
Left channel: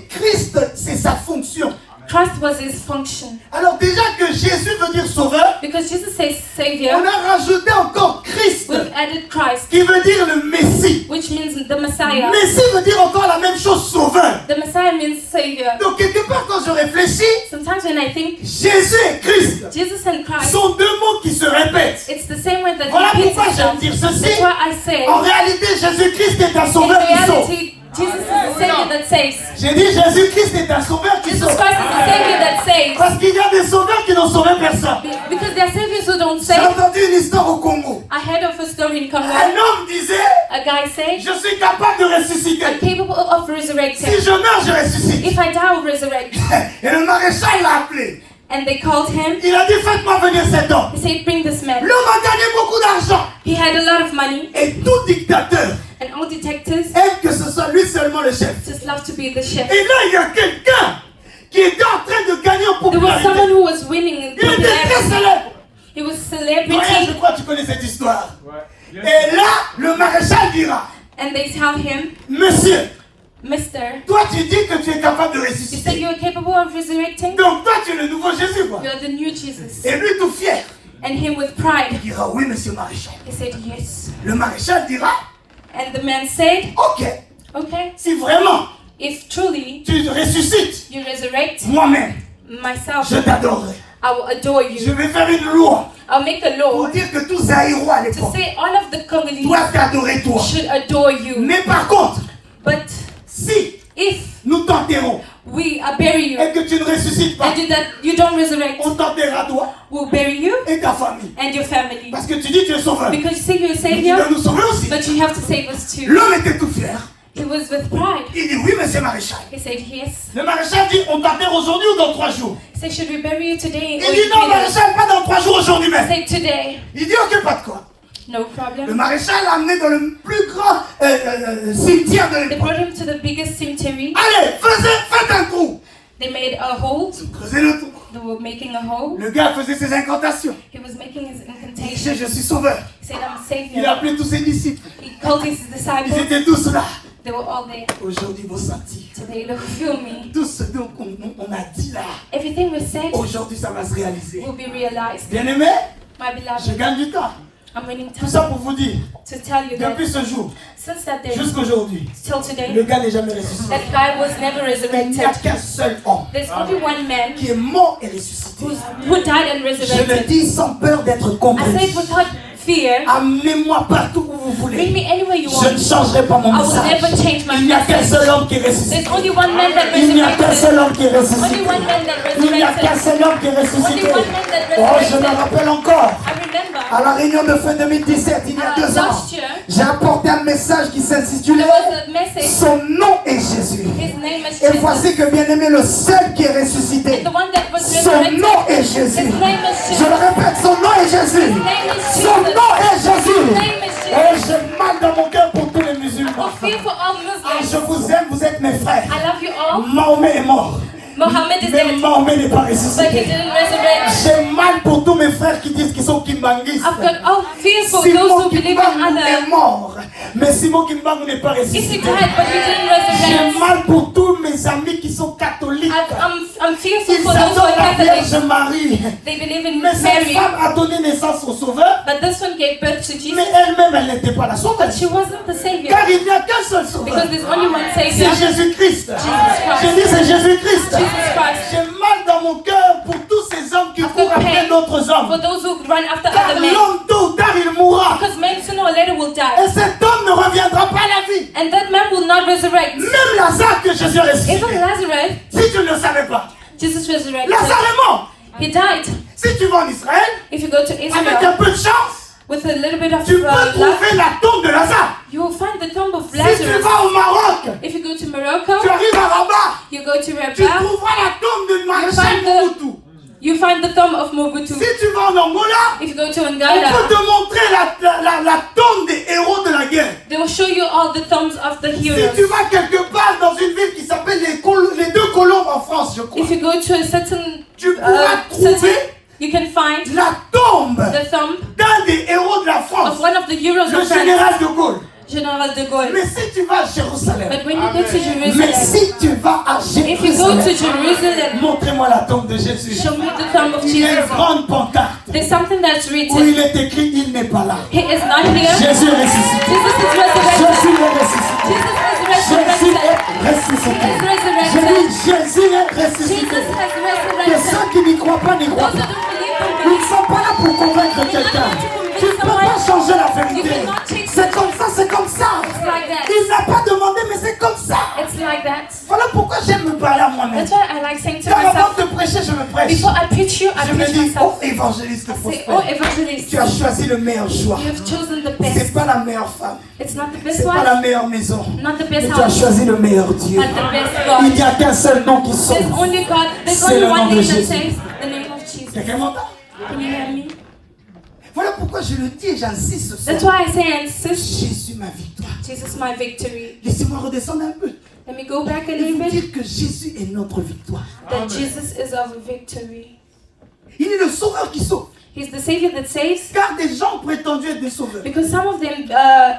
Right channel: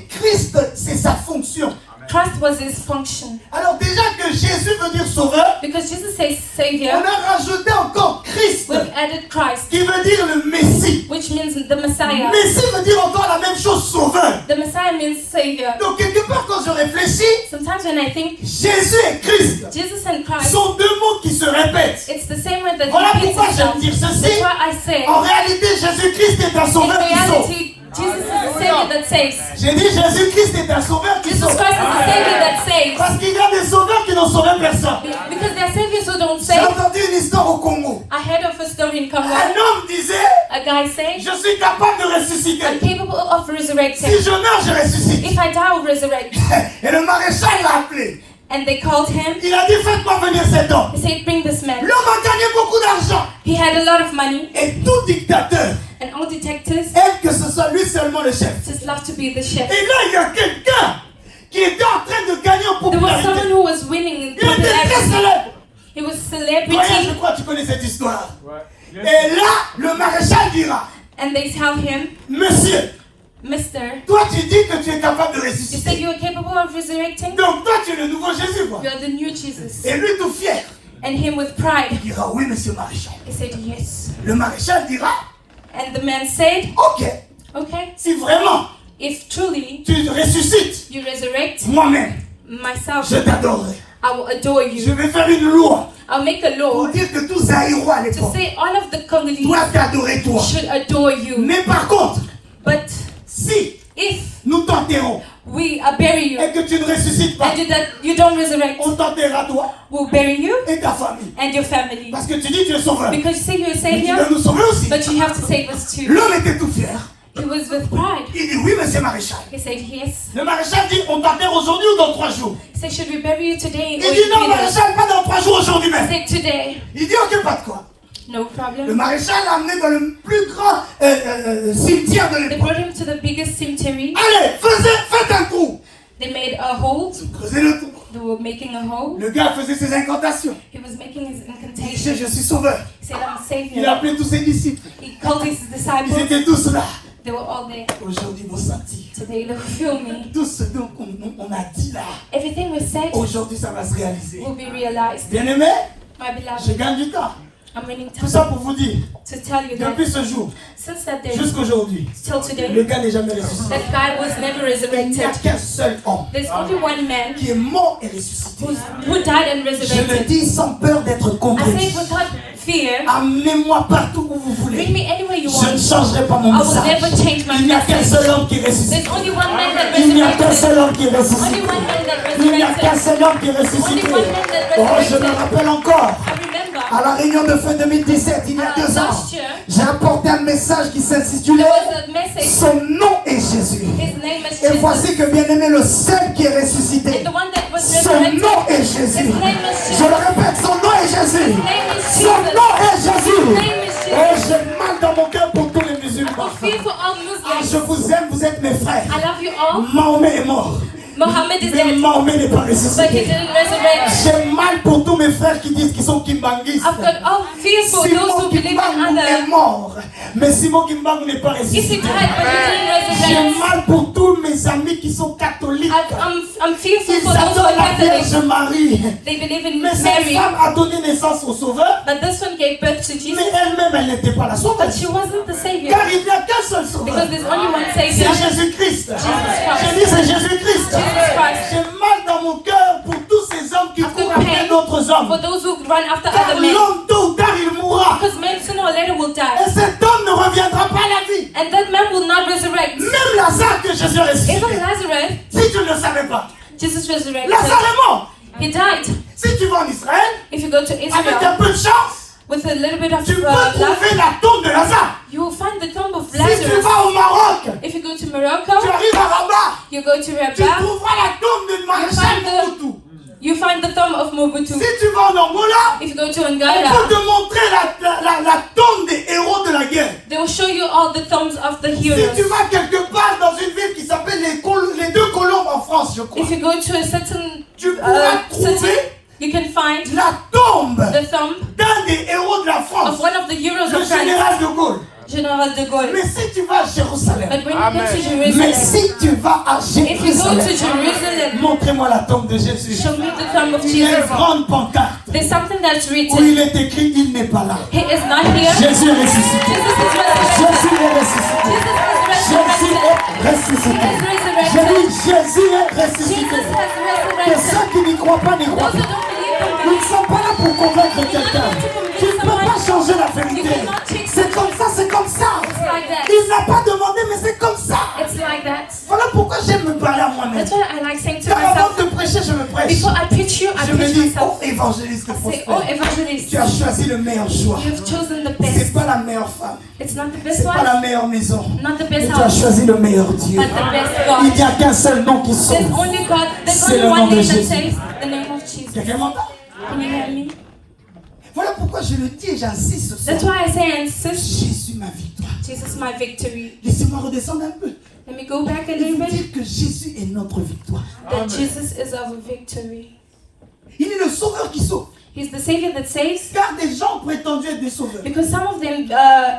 Christ, c'est sa fonction. Christ was his function. Alors déjà que Jésus veut dire sauveur, Because Jesus says on Savior, a rajouté encore Christ, we've added Christ, qui veut dire le Messie. which means the Messiah. Messie veut dire encore la même chose, sauveur. The Messiah means Savior. Donc quelque part quand je réfléchis, Sometimes when I think Jésus et Christ Jesus and Christ, sont deux mots qui se répètent. it's the same word that Voilà repeats pourquoi itself. j'aime dire ceci. That's why I say, En réalité, Jésus-Christ est un in sauveur qui sauve. reality, Jesus is the Savior that saves. J'ai dit Jésus-Christ est un sauveur qui Jesus sauve. Christ is the Savior that saves. Parce qu'il y a des sauveurs qui n'ont sauvé personne. Because there are saviors who don't J'ai save. entendu une histoire au Congo. I heard of a story in Congo. Un homme disait, A guy said, je suis capable de I'm ressusciter. capable of Si resurrecting. je meurs, je ressuscite. If I die, I'll resurrect. Et le maréchal l'a appelé. And they called him. Il a dit, faites-moi venir cet homme. He said, bring this man. L'homme a gagné beaucoup d'argent. He had a lot of money. Et tout dictateur And all detectives aime que ce soit lui seulement le chef. just love to be the chef. Et là, il y a quelqu'un qui était en train de gagner en There was someone popularité. who was winning in Il était très popularity. célèbre. He was Doyen, je celebrity. crois que tu connais cette histoire. Et là, le maréchal dira, And they tell him, monsieur, Mister, toi tu dis que tu es capable de you said ressusciter. you're capable of resurrecting? Donc toi tu es le nouveau Jésus, quoi. You're the new Jesus. Et lui tout fier, And him with il pride, dira, oui monsieur maréchal. he said, yes. Le maréchal dira, And the man said, ok, okay, si vraiment if truly tu ressuscites, you resurrect moi-même, myself, je t'adorerai. I will adore Je you. vais faire une loi I'll make a pour law dire que tous Zaïrois à to l'époque say all of the Congolese doivent t'adorer toi. should adore you. Mais par contre, But si if nous t'enterrons we bury you et que tu ne ressuscites pas, and you don't resurrect, on t'enterrera toi we'll bury you et ta famille. and your family. Parce que tu dis que tu es sauveur. Mais Because you say you're a tu savior, dois nous sauver aussi. but you have to save us too. L'homme était tout fier. He was with pride. Il dit oui, monsieur maréchal. He said, yes. Le maréchal dit on t'enterre aujourd'hui ou dans 3 jours. He said, should we bury you today? Il Or dit in non, 3 days? maréchal, pas dans 3 jours, aujourd'hui He même. said, today. Il dit ok, pas de quoi. No Le problem. maréchal l'a amené dans le plus grand cimetière de They l'époque. brought him to the biggest cemetery. Allez, faites un trou. They made a hole. Creusez le trou. They were making a hole. Le gars faisait ses incantations. He was making his Il incantation. disait je suis sauveur. He said, I'm a Il a savior. appelé tous ses disciples. He called his Ils disciples. étaient tous là. They were all there. Aujourd'hui, vous sentez. Today, they feel me. Tout ce qu'on a dit là, Everything we said aujourd'hui, ça va se réaliser. will be realized. Bien aimé, My je beloved, gagne du temps. I'm winning Tout ça time pour vous dire, to tell you that depuis ce jour, since that day jusqu'à aujourd'hui, till today, le gars n'est jamais ressuscité. that guy was never Il n'y a resurrected. qu'un seul homme There's only one man qui est mort et ressuscité. who died and Je le resurrected. dis sans peur d'être I say it compris. without fear. Amenez-moi partout où vous Bring voulez. me anywhere you Je ne want. changerai pas mon I will message. never change my Il n'y a qu'un message. seul homme qui est ressuscité. There's only one man that Il n'y a qu'un resurrected. seul homme qui est Only ressuscité. one man that Il n'y a qu'un resurrected. seul homme qui est Only ressuscité. one man that Oh, je me resurrected. rappelle encore. I remember À la réunion de fin 2017, il y a 2 ans, last year, j'ai apporté un message qui s'intitulait there was a message. Son nom est Jésus. His name is Et Jesus. voici que bien aimé, le seul qui est ressuscité, The one that was son resurrected. nom est His Jésus. name is Je Jesus. le répète, son nom est Jésus. His name is Son Jesus. nom est Jésus. His name is Oh, Jesus. j'ai mal dans mon cœur pour tous les musulmans. I feel for all Ah, Muslims. je vous aime, vous êtes mes frères. I love you all. Mahomet est mort. Muhammad is Mais dead, Mahomet n'est pas but he ressuscité. didn't resurrect. J'ai mal pour tous mes frères qui disent qu'ils sont kimbanguistes. I've got all fear for those Simon who believe in Kimbangu est Allah. mort. Mais Simon Kimbangu n'est pas He ressuscité. died, but he didn't J'ai resurrect. mal pour tous mes amis qui sont catholiques. I'm fearful Ils for those who adorent are la Vierge Catholic. Marie. They believe in Mais cette Mary, femme a donné naissance au Sauveur, but this one gave birth to Jesus. mais elle-même, elle n'était pas la sauveuse. She wasn't the Savior, Car il n'y a qu'un seul Sauveur. because there's only one C'est Savior, Jésus-Christ. Christ. J'ai dit c'est Jésus-Christ. Jesus Christ. J'ai mal dans mon cœur pour tous ces hommes qui courent après d'autres For hommes. those who run after Car other men, l'homme tôt ou tard il mourra. because men sooner or later will Et die, cet homme ne reviendra pas à la vie. and that man will not resurrect. Même Lazare que Jésus a ressuscité. Even Lazarus, Si tu ne le savais pas, Jesus resurrected. Lazare est mort. He died. Si tu vas en Israël, If you go to avec un Israel peu de chance, with a little bit of tu peux luck, trouver la tombe de Lazare. you will find the tomb of Si tu Lazarus. vas au Maroc, If you go to tu Morocco, arrives à Rabat, you go to tu Rabat, trouveras la tombe de Maréchal find the- Mobutu. you find the tomb of Mobutu. Si tu vas en Angola, If you go to on peut Angola, te montrer la tombe des héros de la guerre. they will show you all the tombs of the Si tu heroes. vas quelque part dans une ville qui s'appelle les deux Colombes en France, je crois, If you go to a certain tu pourras trouver city, you can find la tombe the tomb d'un des héros de la of France, one of the heroes le of France, général de Gaulle. General de Gaulle. Mais si tu vas à Jérusalem, But when you go to mais Jerusalem, si tu vas à if you go to Jérusalem, Jerusalem, montrez-moi la tombe de Jésus. show me the tomb of Il y a une Jesus. grande pancarte There's something that's où written. il est écrit, il n'est pas là. He is not here. Jésus est ressuscité. Jesus is resurrected. Jésus est ressuscité. Jesus is Jésus est ressuscité. Je resurrected. dis, Jésus est Jesus ressuscité. has Et resurrected. ceux qui n'y croient pas, n'y croient Those who pas. don't believe Ils him, ne sont pas là pour convaincre quelqu'un. Tu ne peux pas changer la vérité. C'est comme ça, c'est comme ça. it's like that. Il n'a pas demandé, mais c'est comme ça. It's like that. Voilà pourquoi j'aime me parler à moi-même. That's why I like saying to Car avant myself, de prêcher, je me prêche. before I preach you, I Je me preach dis, myself. oh évangéliste Say, prospère, oh evangelist, tu as choisi le meilleur choix. you have chosen the C'est best. pas la meilleure femme, It's not the best c'est pas la wife, meilleure maison, not the mais best tu as house, choisi le meilleur Dieu. but the best Il God. n'y a qu'un seul nom qui sauve. There's only God, there's C'est only le nom one de name that Jésus. saves, the name of Jesus. Quelqu'un m'entend? Can you hear me? Voilà pourquoi je le dis et j'insiste sur That's ça. why I say I insist, Jésus ma victoire. Jesus my victory. Laissez-moi redescendre un peu Let me go back a et little vous bit. dire que Jésus est notre victoire. That Jesus is our victory. Il est le sauveur qui sauve. He's the Savior that saves. Car des gens ont prétendu être des sauveurs. Because some of them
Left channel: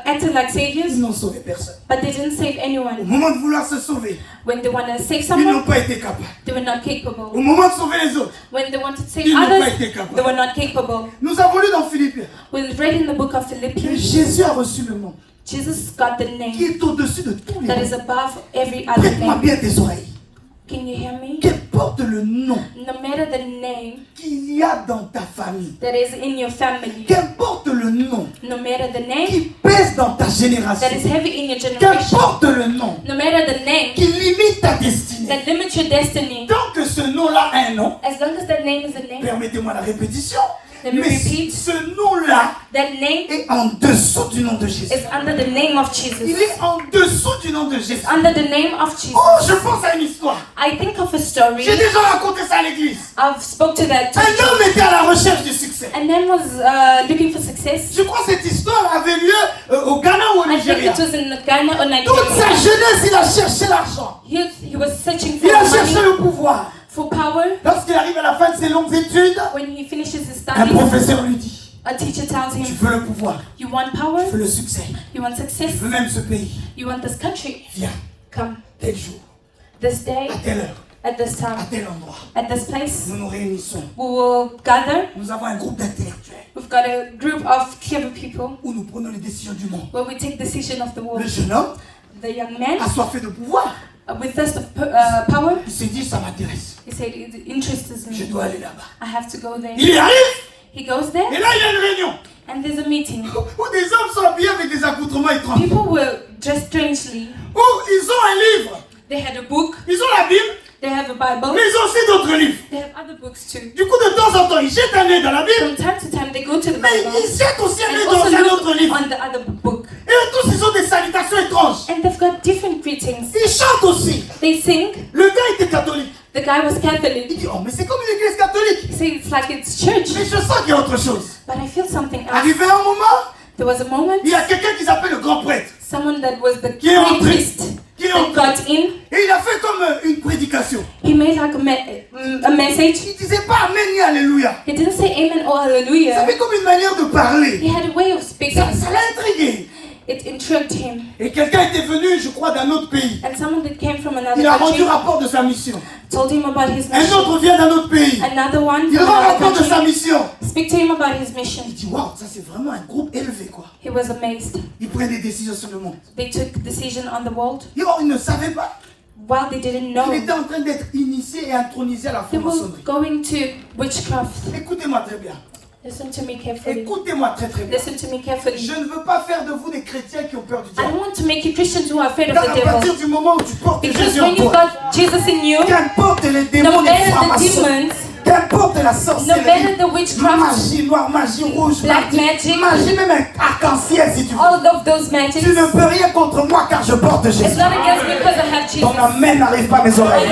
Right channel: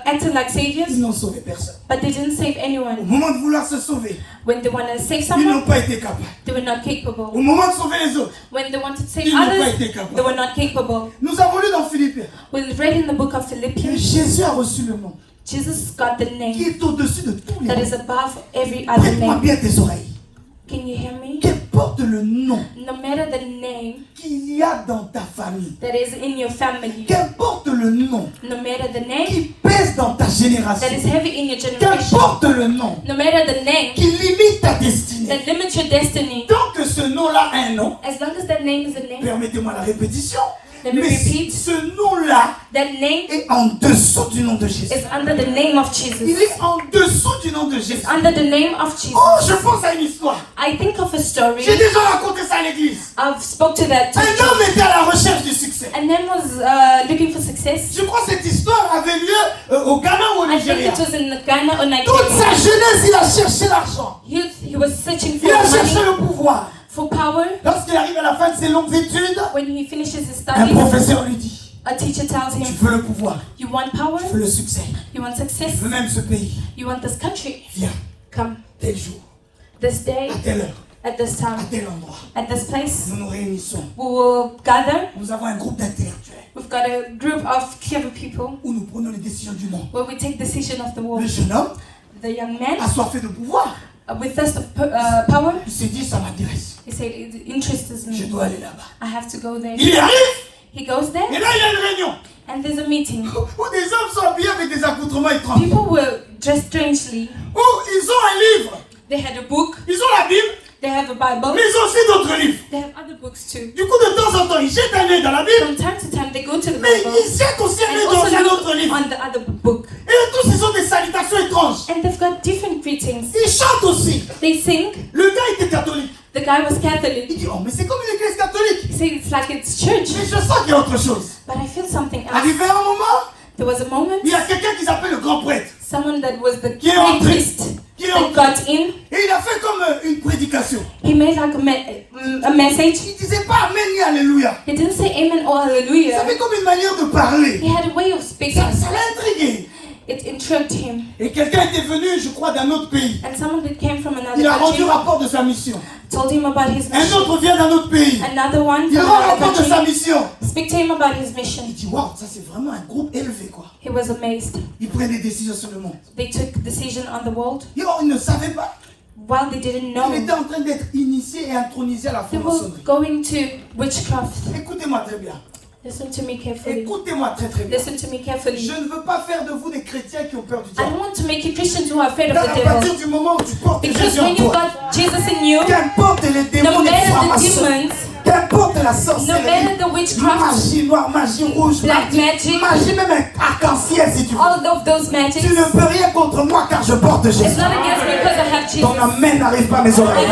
acted like saviors, Ils n'ont sauvé personne. but they didn't save Au anyone. moment de vouloir se sauver, When they want to save ils n'ont someone, pas été capables. they were not Au capable. moment de sauver les autres, When they wanted to save ils n'ont pas others, été capables. they were not capable. Nous avons lu dans Philippiens We read in the book of que Philippians, Jésus a reçu le nom Jesus got the qui name est au-dessus de tous les that noms. is above every other Prête-moi name. bien tes oreilles. Can you hear me? Qu'importe le nom No matter the name qu'il y a dans ta famille, that is in your family, qu'importe le nom no matter the name qui pèse dans ta that génération, is heavy in your generation, qu'importe le nom no matter the name qui limite ta destinée, that limits your destiny, tant que ce nom-là a un nom, as long as that name is a name, permettez-moi la répétition, Let me mais repeat. ce nom-là that name est en dessous du nom de Jésus. is under the name of Il Jesus. est en dessous du nom de Jésus. Under the name of Jesus. Oh, je pense à une histoire. I think of a story. J'ai déjà raconté ça à l'église. I've spoke to that. Un homme était à la recherche du succès. And then was looking for success. Je crois que cette histoire avait lieu au Ghana ou au I think Nigeria. it was in Ghana or Toute sa Nigeria. jeunesse, il a cherché l'argent. He was searching for Il a cherché money, le pouvoir. for power. Lorsqu'il arrive à la fin de ses longues études, When he finishes his un studies, professeur lui dit, a teacher tells tu him, veux le pouvoir, you want power, tu veux le succès, you want tu success, veux même ce pays. you want this country. Viens, Come tel jour, this day, à telle heure, at this à time, tel endroit. at this place. Nous nous réunissons. We will gather. Nous avons un groupe d'intellectuels We've got a group of clever people où nous prenons les décisions du monde. where we take decision of the Le world. jeune homme, The young man, assoiffé de pouvoir, with thirst of power, il s'est dit, ça m'intéresse. he said, it interests Je me. dois aller là-bas. I have to go there. Il y arrive, He goes there, et là il y a une réunion and there's a meeting. où des hommes sont habillés avec des accoutrements étranges. People were dressed strangely. Où ils ont un livre, They had a book, ils ont la Bible, they have a Bible, mais ils ont aussi d'autres livres. they have other books too. Du coup, de temps en temps, ils jettent un œil dans la Bible, From time to time, they go to the mais Bible ils jettent aussi un and œil dans also un look autre livre. on the other book. Et là, tous, ils ont des salutations étranges. And they've got different greetings. Ils chantent aussi. They sing. Le gars était catholique. The guy was Il Catholic. dit, oh, mais c'est comme une église catholique. He said it's like it's church, Mais je sens qu'il y a autre chose. but I feel something else. Arrivé à un moment, There was a moment, il y a quelqu'un qui s'appelle le grand prêtre, someone that was the qui est great entré. priest Qui est that entré. got in. Et il a fait comme une prédication. He made like a message. Il disait pas Amen ni Alléluia. He didn't say amen or Il hallelujah. avait comme une manière de parler. He had a way of speaking. Ça l'a intrigué. It intrigued him. Et quelqu'un était venu, je crois, d'un autre pays. And someone that came from another Il a rendu country rapport de sa mission. told him about his Un mission. autre vient d'un autre pays. Another one Il from rend another rapport de sa country mission. speak to him about his Il mission. dit, waouh, ça c'est vraiment un groupe élevé, quoi. He was amazed. Ils prennent des décisions sur le monde. They took decision on the world Et oh, il ne savait pas. while they didn't know. Il était en train d'être initié et intronisé à la He was franc-maçonnerie. going to witchcraft. Écoutez-moi très bien. Listen to me carefully. Écoutez-moi très très bien. Listen to me carefully. Je ne veux pas faire de vous des chrétiens qui ont peur du I diable. don't want to make you Christians who are afraid of Car the à devil. partir du moment où tu portes Because Jésus en when you toi, got Jesus in you, qu'importe les no démons, les matter the francs-maçons, demons, qu'importe la no matter sorcellerie, the witchcraft, magie noire, magie rouge, black magic, magie même un arc-en-ciel si tu veux. all of those magics, Tu ne peux rien contre moi car je porte it's Jésus. not against me because I have Jesus. Ton amen n'arrive pas à mes oreilles.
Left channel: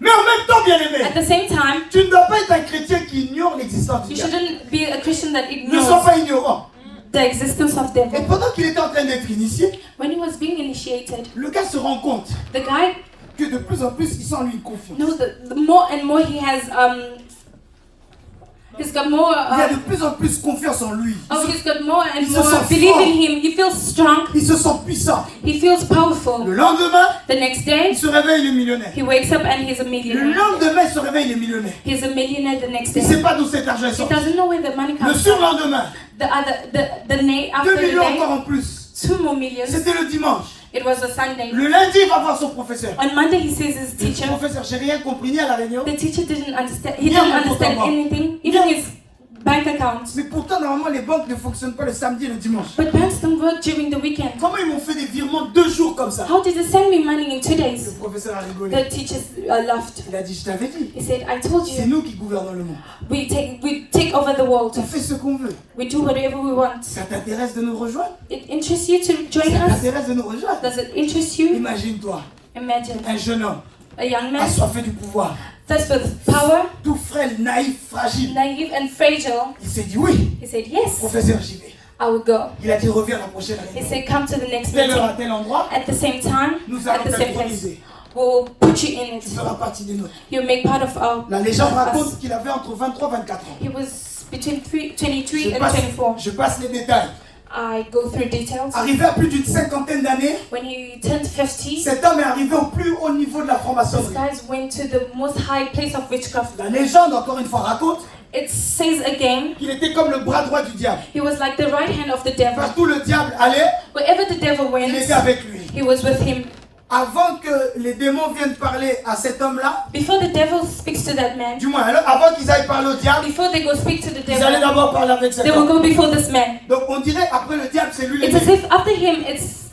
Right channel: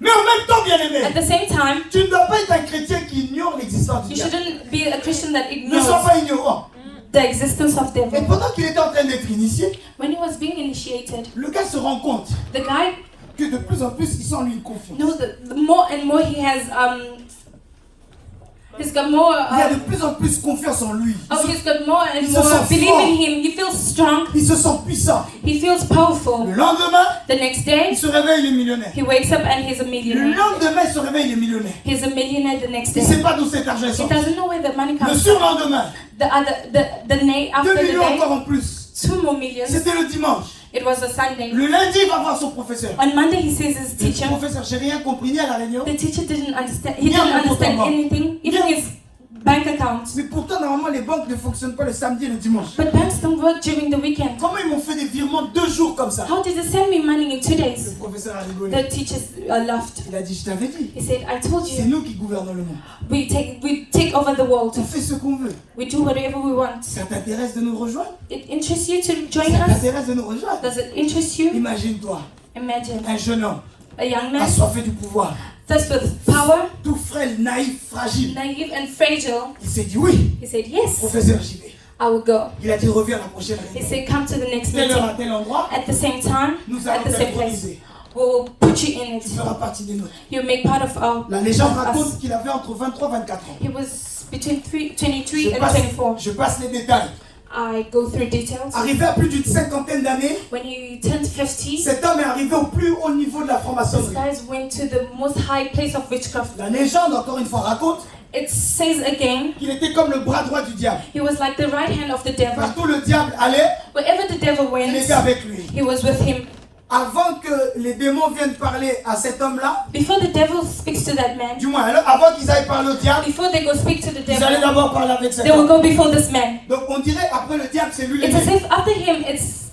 Mais en même temps, bien aimé, At the same time, tu ne dois pas être un chrétien qui ignore l'existence du you diable. shouldn't be a Christian that Ne sois ignores pas ignorant. the existence of Et devil. pendant qu'il était en train d'être initié, When he was being initiated, le gars se rend compte the guy que de plus en plus, il sent en lui une confiance. knows that the more and more he has He's got more. Il a de plus en plus confiance en lui. He's got more and Il se more sent belief fort. in him. He feels strong. Il se sent puissant. He feels powerful. Le lendemain, The next day, il se réveille, il est millionnaire. he wakes up and he's a Le millionaire. lendemain, il se réveille, il est millionnaire. He's a millionaire the next Il ne day. sait pas d'où cet argent est He sorti. doesn't know where the money Le comes from. surlendemain, The night 2 after the millions day, encore en plus. 2 more millions. C'était le dimanche. It was a Sunday. Le lundi, il va voir son professeur. On Monday, he sees his Il dit, teacher. professeur, j'ai rien compris ni à la réunion. The teacher didn't understand. He Yeah, didn't but understand what about- anything, even his bank account. Mais pourtant, normalement, les banques ne fonctionnent pas le samedi et le dimanche. But banks don't work during the weekend. Comment ils m'ont fait des virements 2 jours comme ça? How did they send me money in 2 Le days? professeur a rigolé. The teachers laughed. Il a dit, je t'avais dit. He said, I told C'est you, nous qui gouvernons le monde. we take over the world. On fait ce qu'on veut. We do whatever we want. Ça t'intéresse de nous rejoindre? It interests you to join Ça us? t'intéresse de nous rejoindre? Does it interest you? Imagine-toi, Imagine un jeune homme a young man, assoiffé du pouvoir, thirst for power, tout frêle, naïf, fragile. naive and fragile. Il s'est dit oui, He said, yes, professeur, j'y vais. I will go. Il a dit reviens à la prochaine He réunion. said, come to the next Telle heure à meeting. tel endroit, At the same time, nous at allons the same place. t'autoriser. We'll put you in Tu it. feras partie des nôtres. You make part of our. La légende of us. raconte qu'il avait entre 23 et 24 ans. He was between 23 Je and passe, 24. je passe les détails. I go through details. Arrivé à plus d'une cinquantaine d'années, When he turned 50, cet homme est arrivé au plus haut niveau de la these franc-maçonnerie. guys went to the most high place of witchcraft. La légende, encore une fois, raconte It says again, qu'il était comme le bras droit du diable. he was like the right hand of the devil. Partout le diable allait, Wherever the devil il went, était avec lui. he was with him. Avant que les démons viennent parler à cet homme-là, Before the devil speaks to that man, du moins, alors, avant qu'ils aillent parler au diable, before they go speak to the ils allaient devil, d'abord parler avec cet they will homme. go before this man. Donc on dirait après le diable, c'est lui It's as l'ennemi. if after him,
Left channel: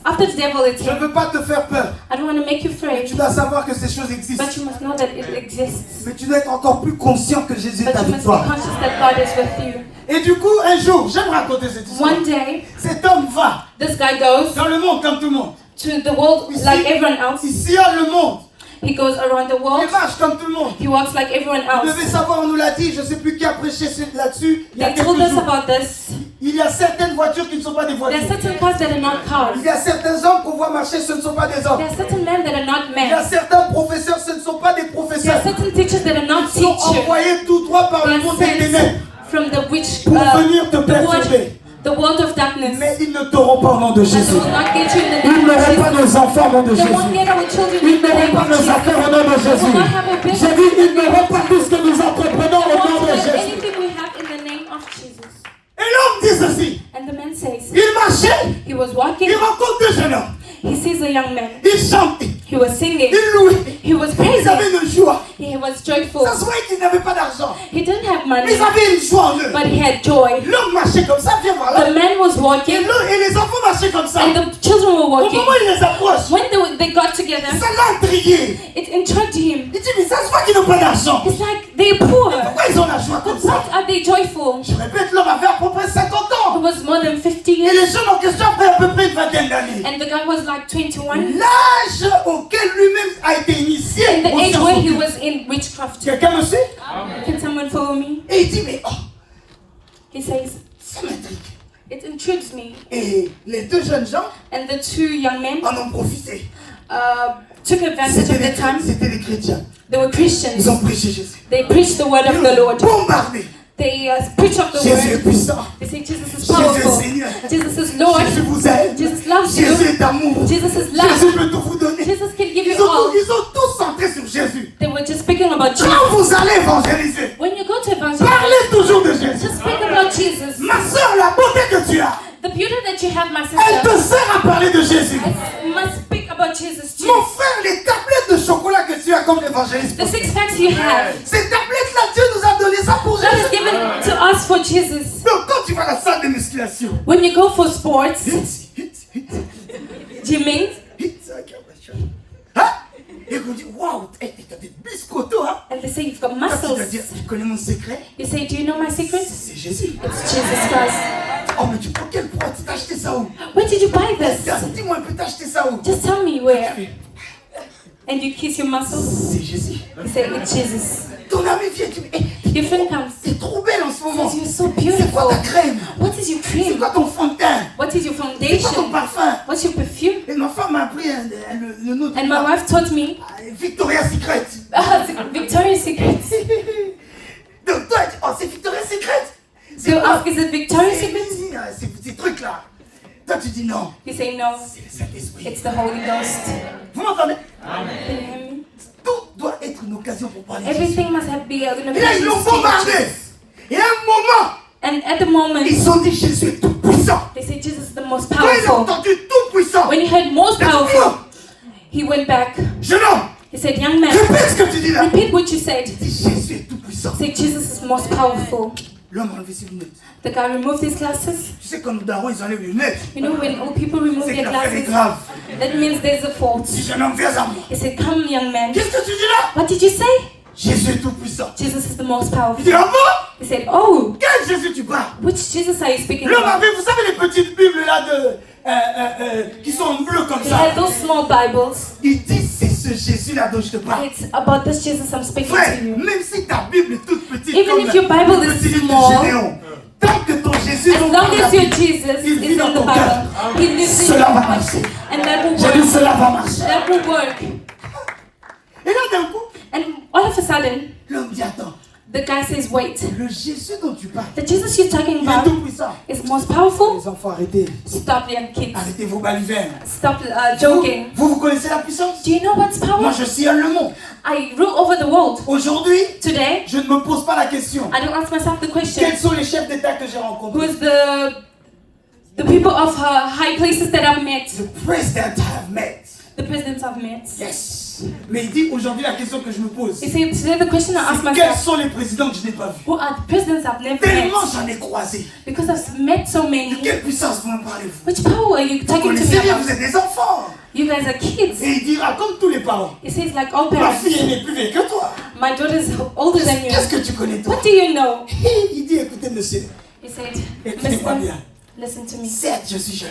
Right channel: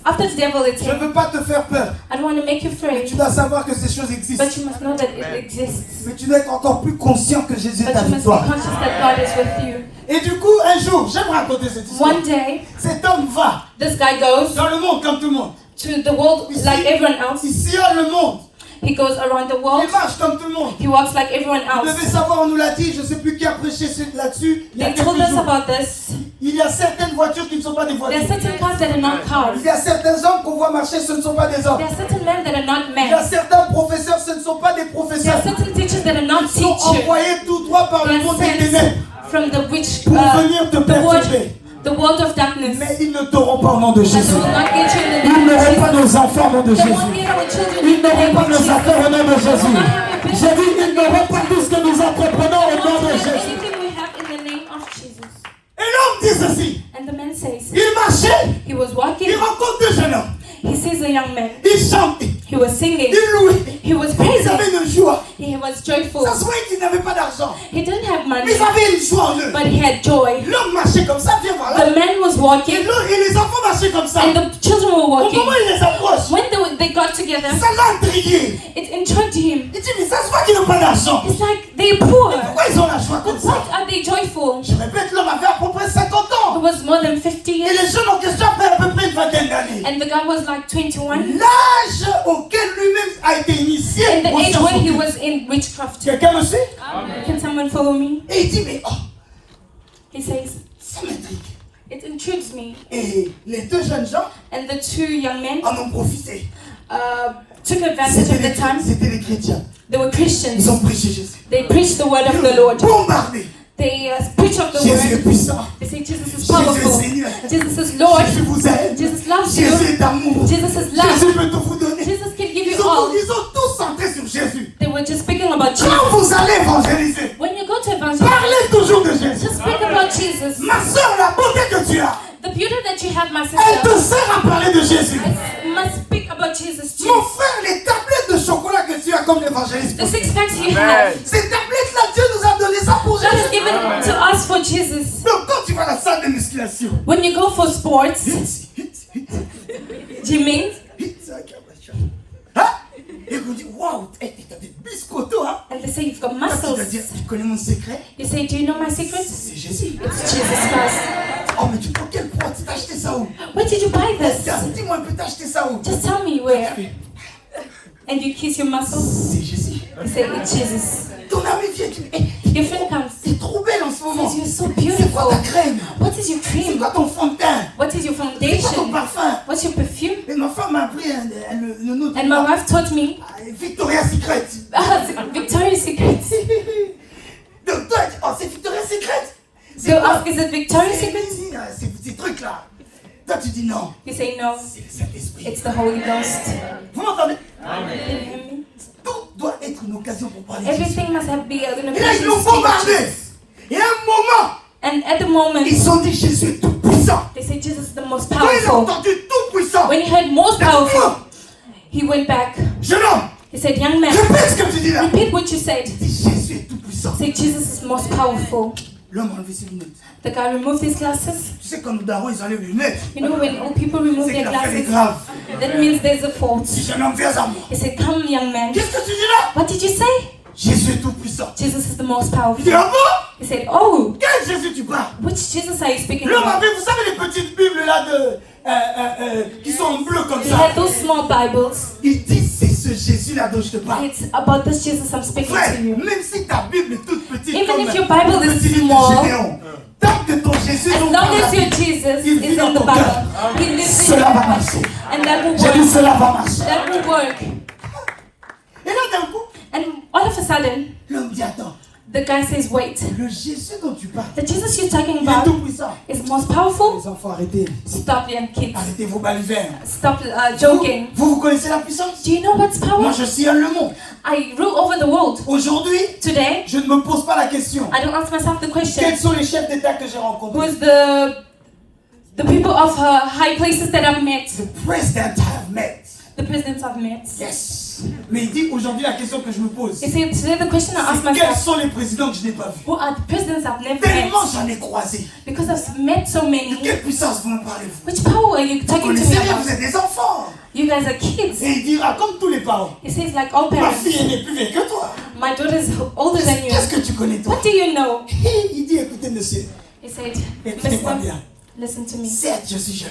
after the devil, it's Je ne him. veux pas te faire peur. I don't want to make you Tu afraid, dois savoir que ces choses existent. but you must know that it exists. Mais tu dois être encore plus conscient que Jésus est But you avec must be toi. conscious that God is with you. Et du coup, un jour, j'aime raconter cette histoire. One day, Cet homme va this guy goes dans le monde comme tout le monde. to the world like everyone else. Il sillonne le monde. He goes around the world. Il marche comme tout le monde. He walks like everyone Vous devez else. savoir, on nous l'a dit, je ne sais plus qui a prêché là-dessus. Il y a They told quelques us jours. about this. Il y a certaines voitures qui ne sont pas des There are voitures. certain cars that are not cars. Il y a certains hommes qu'on voit marcher, ce ne sont pas des hommes. There are certain men that are not Il y a men. certains professeurs, ce ne sont pas des There professeurs. are certain teachers that are not Ils sont teachers. envoyés tout droit par They le are monde des sent ténèbres from the witch, pour venir te perturber. the world of darkness. Mais ils ne t'auront pas au nom de But they Jésus. will not get you in the Ils name of n'auront pas Jesus. nos enfants au nom de They won't Jésus. get our children Ils in the n'auront name pas of nos Jesus. affaires au nom de They will Jésus. not have a J'ai business. dit, ils n'auront pas tout ce que nous entreprenons au nom de They will Jésus. anything we have in the name of Jesus. Et l'homme dit ceci. And the man says, Il marchait, he was walking, il rencontre deux jeunes hommes. he sees a young man. Il chante, He was singing, il louait. he was Ils praising, avaient une joie. he was joyful. Ça se voyait qu'ils n'avaient pas d'argent. He didn't have Mais money, ils avaient une joie en eux. but he had joy. L'homme marchait comme ça, viens voir là. The man was walking, Et les enfants marchaient comme ça. and the children were Au walking. moment où il les approche, When they got together, ça l'a intrigué. it intrigued him. Il dit, mais ça se voit qu'ils n'ont pas d'argent. It's like they're poor. Pourquoi ils ont la joie comme But ça? why are they joyful? Je répète, l'homme avait à peu près 50 It ans. was more than 50 Et years, les jeunes en question avaient à peu près une vingtaine d'années. and the guy was like 21. L'âge auquel lui-même a été initié In the aux age sciences when he occultes. was in witchcraft. Quelqu'un le sait? Can someone follow me? Et il dit, mais oh, He says, ça m'intrigue. it intrigues me. Et les deux jeunes gens And the two young men en ont profité. took advantage of the time. C'était les chrétiens. They were Ils Christians. ont prêché Jésus. They preached the word Ils of the ont Lord. bombardé. They preached of the Jésus est word. puissant. They say Jesus is Jésus est powerful. Seigneur. Jesus is Lord. Jésus vous aime. Jesus loves Jésus you. est amour. Jesus is love. Jésus peut tout vous donner. Jesus can give Ils you all. ont tous centré sur Jésus. They were just speaking about Jesus. Quand vous allez évangéliser, When you go to evangelize, parlez toujours de Jésus. just speak about Jesus. Ma soeur, la beauté que tu as, The beauty that you have, my elle te sister, sert à parler de Jésus. I must speak about Jesus too. Mon frère, les tablettes de chocolat que tu as comme évangéliste, The 6 packs you have, ces tablettes-là, Dieu nous a donné ça pour that is Jésus. given to us for Jesus. Donc quand tu vas à la salle de musculation, When you go for sports, hit, gymming, hein? Et vous dites, waouh, t'as des biscottos, hein? and they say you've got Toi, tu dois muscles. dire, tu connais mon secret? You say, do you know my secret? C'est Jésus. It's Jesus Christ. Oh, mais tu prends quel poids? Tu t'as acheté ça où? Where did you buy this? Dis-moi un peu, t'as acheté ça où? Just tell me where. And you kiss your muscles. C'est Jésus. You say, it's Jesus. Ton ami vient, tu dis, Your friend comes. t'es trop belle en ce moment. Says, you're so C'est quoi ta beautiful. crème? What is your C'est cream? quoi ton fond de teint? What is your C'est quoi ton foundation? parfum? What's your perfume? Et ma femme m'a appris le nom And my wife taught me Victoria's Secret. Victoria's Secret. Donc toi, oh, c'est Victoria's Secret. So ask, is it victorious C'est- again? ces trucs-là. Toi, tu dis non. You say no, C'est le Saint-Esprit. it's the Holy Ghost. Vous m'entendez? Can you hear me? Tout doit être une occasion pour parler de Jésus. Everything must have be an Et là, ils l'ont occasion to bombardé. speak Jesus. Et à un moment, And at the moment, ils ont dit Jésus est tout puissant. they say Jesus is the most Quand il a powerful. entendu tout puissant, When he heard most il a dit, powerful, he went back. jeune homme, He said, young man, répète ce que tu dis là. repeat what you said. Il dit Jésus est tout puissant. Say Jesus is most powerful. L'homme a enlevé ses lunettes. The guy removed his glasses. Tu sais, quand nos darons, ils enlèvent les lunettes, You know, when old people remove c'est que their l'affaire est glasses, grave. that means there's a fault. Si jeune homme, viens à moi. He said, come, young man. Qu'est-ce que tu dis là? What did you say? Jésus est tout puissant. Jesus is the most Il powerful. dit, ah bon? He said, oh, Quel Jésus tu parles? which Jesus are you speaking L'homme about? avait, vous savez, les petites Bibles là qui sont en bleu comme He ça. had those small Bibles. Il dit, c'est ce Jésus-là dont je te parle. It's about this Jesus I'm speaking Frère, to you. même si ta Bible est toute petite Even comme if your Bible le is petit livre small, de Gédéon, tant que ton Jésus As dont long tu as parles, your Jesus il is vit dans in the ton cœur. Bible, He lives in Cela your va heart. marcher. And that will J'ai dit, work. cela va marcher. That will work. Et là, d'un coup, And all of a sudden, l'homme dit, attends, the guy says, wait, le Jésus dont tu parles, the Jesus you're talking il est about tout puissant. is most powerful. Les enfants, arrêtez. Stop, young kids. Arrêtez vos balivernes. Stop joking. Vous connaissez la puissance? Do you know what's Moi, power? je sillonne le monde. I rule over the world. Aujourd'hui, Today, je ne me pose pas la question. I don't ask myself the question, Quels sont les chefs d'État que j'ai rencontrés? who's the people of high places that I've met, The president I have met. the presidents I've met. Yes. Mais il dit aujourd'hui la question que je me pose. You see, today the question I ask C'est quels myself, sont les présidents que je n'ai pas vus? who are the presidents I've never met? Tellement j'en ai croisé. Because I've met so De many. quelle puissance vous me parlez-vous? Which power are you Vous talking to connaissez me rien, about? vous êtes des enfants. You guys are kids. Et il dira comme tous les parents. It says like all Ma parents. fille elle est plus vieille que toi. My daughter is older than you. Qu'est-ce que tu connais toi? What do you know? Il dit écoutez monsieur, He said, écoutez-moi bien. listen to me. Certes je suis jeune,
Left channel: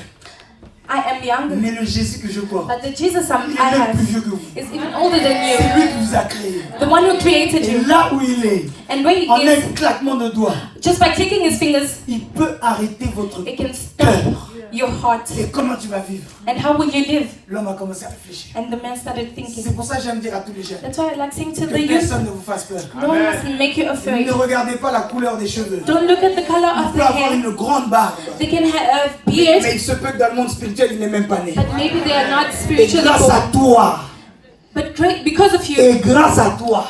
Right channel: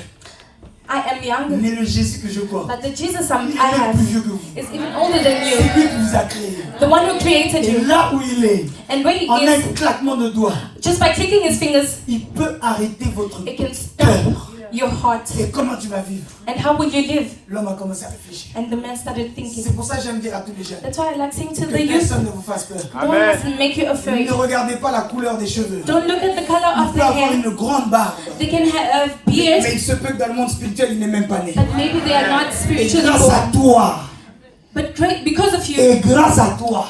I am young, mais le Jésus que je crois, but the Jesus il I est même have plus vieux que vous. is even older than C'est you. lui qui vous a créé. The one who created Et you. là où il est, And where he en un is, claquement de doigts, just by clicking his fingers, il peut arrêter votre it can stop cœur. your heart. Et comment tu vas vivre? And how will you live? L'homme a commencé à réfléchir. And the man started C'est thinking. pour ça que j'aime dire à tous les jeunes That's why I like saying to que the youth, personne ne vous fasse peur. no one must make you afraid. Ne regardez pas la couleur des cheveux. Don't look at the color Il of peut the avoir hair. une grande barbe. They can have beard, Mais il se peut que dans le monde spirituel, il n'est même pas né. but maybe they are not Et spiritually grâce à born. toi, But great, because of you, et grâce à toi,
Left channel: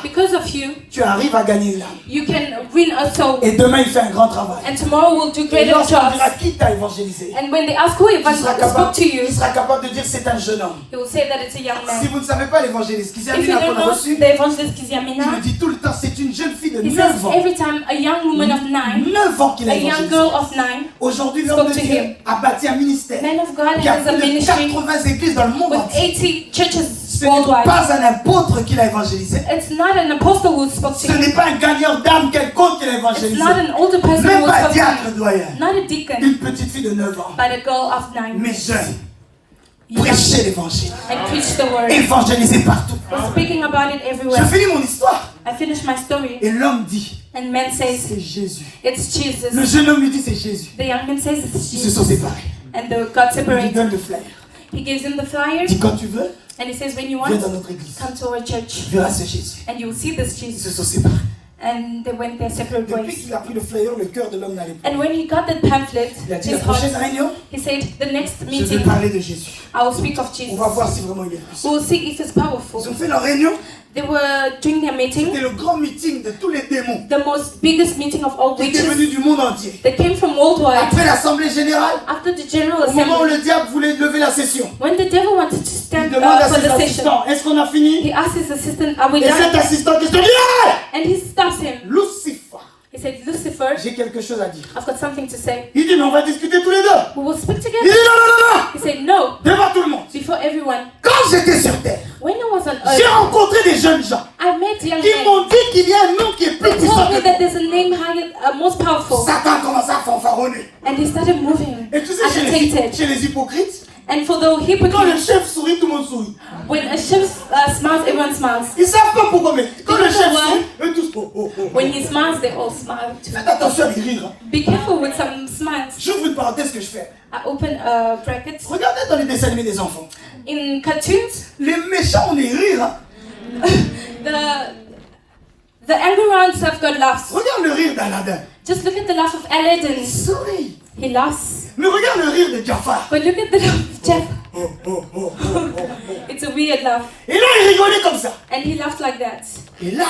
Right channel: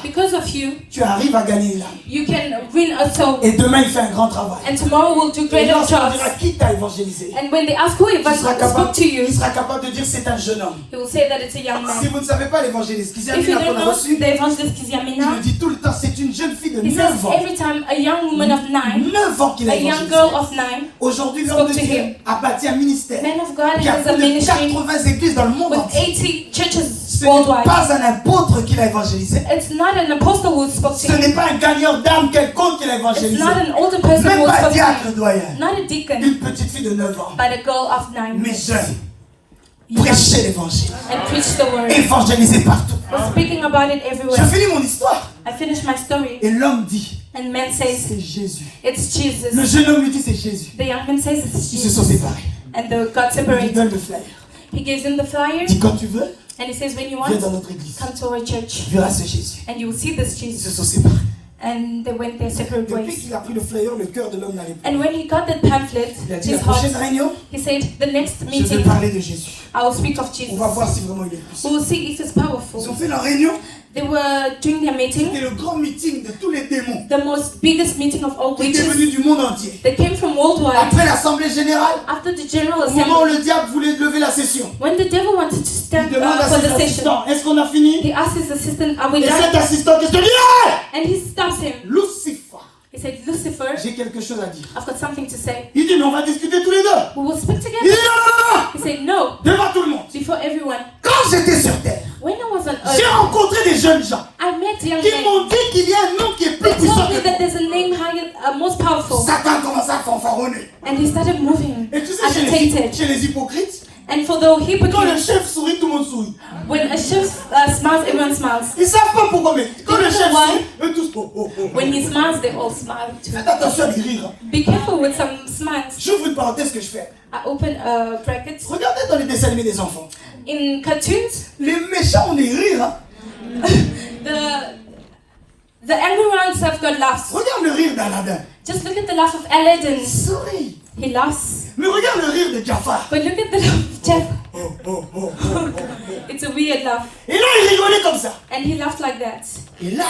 tu arrives à gagner l'âme. you can win a soul. Et demain, il fait un grand travail. And tomorrow we'll do Et greater lorsqu'on dira jobs. qui t'a évangélisé, And when they ask who il sera spoke to you, capable de dire c'est un jeune homme. he will say that it's a young Si man. vous ne savez pas l'évangéliste, qui If you Kizamina qu'on don't a know reçu, the evangelist il Kizamina, le dit tout le temps, c'est une jeune fille de he 9 says ans. every time a young woman of 9, 9 ans qu'il a a young évangélisé. girl of 9, Aujourd'hui, l'homme spoke de to Dieu him. a bâti un ministère Man of God qui a has a plus de ministry 80 églises dans le monde with entier. 80 churches Ce n'est worldwide. pas un apôtre qui l'a évangélisé. It's not an apostle who spoke to Ce him. n'est pas un gagnant d'âme quelconque qui l'a It's évangélisé. not an older person Même who pas un spoke to diacre him. doyen. Not a deacon, Une petite fille de 9 ans. but a girl of 9. Mais jeune. Prêchez l'évangile. And preach the word. Évangélisez partout. We're speaking about it Je everywhere. finis mon histoire. I finished my story. Et l'homme dit, And man says, c'est Jésus. it's Jesus. Le jeune homme lui dit, c'est Jésus. The young man says, it's Ils se sont Jesus. séparés. And the God Il lui separated. donne le flyer. He gives him the flyer. Il dit, quand tu veux, And he says, when you viens dans want, notre église. come to our church. Tu verras ce Jésus. And you will see this Ils se Jesus. sont séparés. And they went their separate Depuis ways. qu'il a pris le flyer, le cœur de l'homme n'allait pas. And when he got that pamphlet, Il a dit, la his prochaine heart, réunion, he said, the next je vais meeting, parler de Jésus. I will speak of On Jesus. va voir si vraiment il est puissant. We will see if it's Ils powerful. ont fait leur réunion. They were doing their meeting, C'était le grand meeting de tous les démons the most biggest meeting of all qui étaient witches. venus du monde entier. They came from worldwide. Après l'assemblée générale, After the general au moment où assembly, le diable voulait lever la session, when the devil wanted to il stand demande à up for ses the session, assistants, est-ce qu'on a fini? he asked his assistant, are we Et cet done? assistant qui se dit, yeah! And he stops him. Lucifer, He said, Lucifer, j'ai quelque chose à dire. I've got something to say. Il dit, mais on va discuter tous les deux. We will speak Il dit, together. non, non, non, He said, no, devant tout le monde. before everyone. Quand j'étais sur terre, When I was on j'ai earth, rencontré des jeunes gens I met young qui men. m'ont dit qu'il y a un nom qui est plus They puissant told me que that nous. there's a name higher, most powerful. Satan commence à fanfaronner. And he started moving, Et tu sais, agitated. chez les hypocrites, And for the quand le hypocrites, chef sourit, tout le monde sourit. when a chef smiles, everyone smiles. Ils savent pas pourquoi, mais quand le chef Why? sourit, eux tous, oh, oh, oh. When he smiles, they all smile too. Faites attention à les rires. Hein. Be careful with some smiles. J'ouvre une parenthèse que je fais. I open a bracket. Regardez dans les dessins animés des enfants. In cartoons, Les méchants ont des rires. Hein. the angry ones have got laughs. Regarde le rire d'Aladin. Just look at the laugh of Aladdin. Souris. He laughs. Mais regarde le rire de Jafar. But look at the laugh of Jeff. It's a weird laugh. Et là, il rigolait comme ça. And he laughed like that. Et là,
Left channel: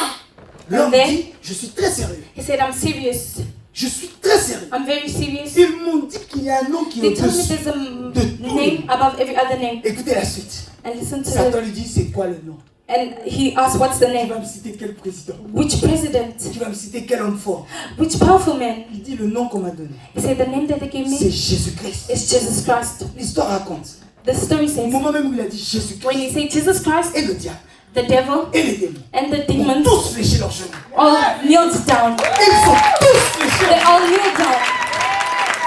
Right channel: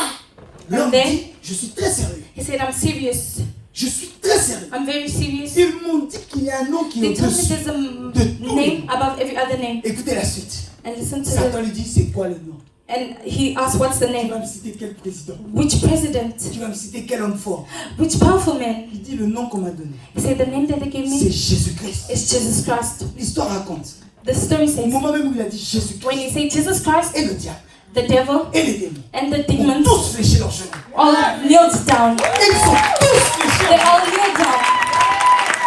l'homme then- dit, je suis très sérieux. He said, I'm serious. Je suis très sérieux. I'm very serious. Ils m'ont dit qu'il y a un nom qui est They told me au-dessus. there's a name above every other name. Écoutez la suite. And listen to Satan it. lui dit, c'est quoi le nom? And he asked, what's the Tu vas name? me citer quel président? Which president? Tu vas me citer quel homme fort? Which powerful man? Il dit le nom qu'on m'a donné. He said, the name that they gave C'est me Jésus-Christ. is Jesus Christ. L'histoire raconte. The story Au says, moment même où il a dit when Jésus-Christ you say Jesus Christ, et le diable the devil et les démons and the ont demons tous léché leurs genoux. all kneeled down. Et ils sont tous léchés. They all kneeled down.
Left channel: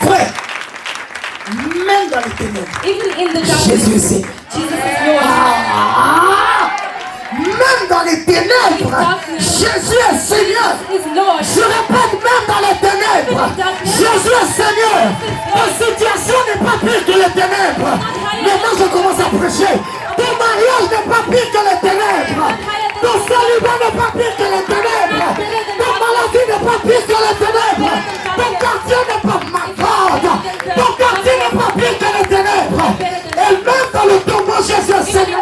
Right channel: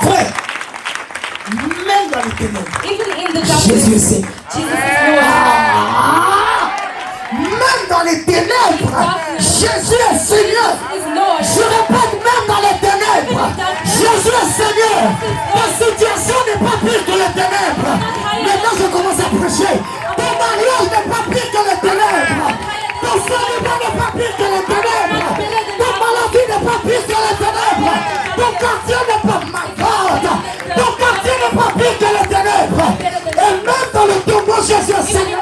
Frère, même dans les ténèbres, Even in the Jésus est darkness, Seigneur. Jesus is Lord. Même dans les ténèbres, Jésus est Seigneur. He is Lord. Je répète, même dans les ténèbres, Jésus est Seigneur. Ta situation n'est pas pire que les ténèbres. Maintenant, je commence à prêcher. Ton mariage n'est pas pire que les ténèbres. Ton célibat n'est pas pire que les ténèbres. Ta maladie n'est pas pire que les ténèbres. Ton quartier n'est pas malade. Ton quartier n'est pas pire que les ténèbres. Et même dans le tombeau, Jésus est Seigneur.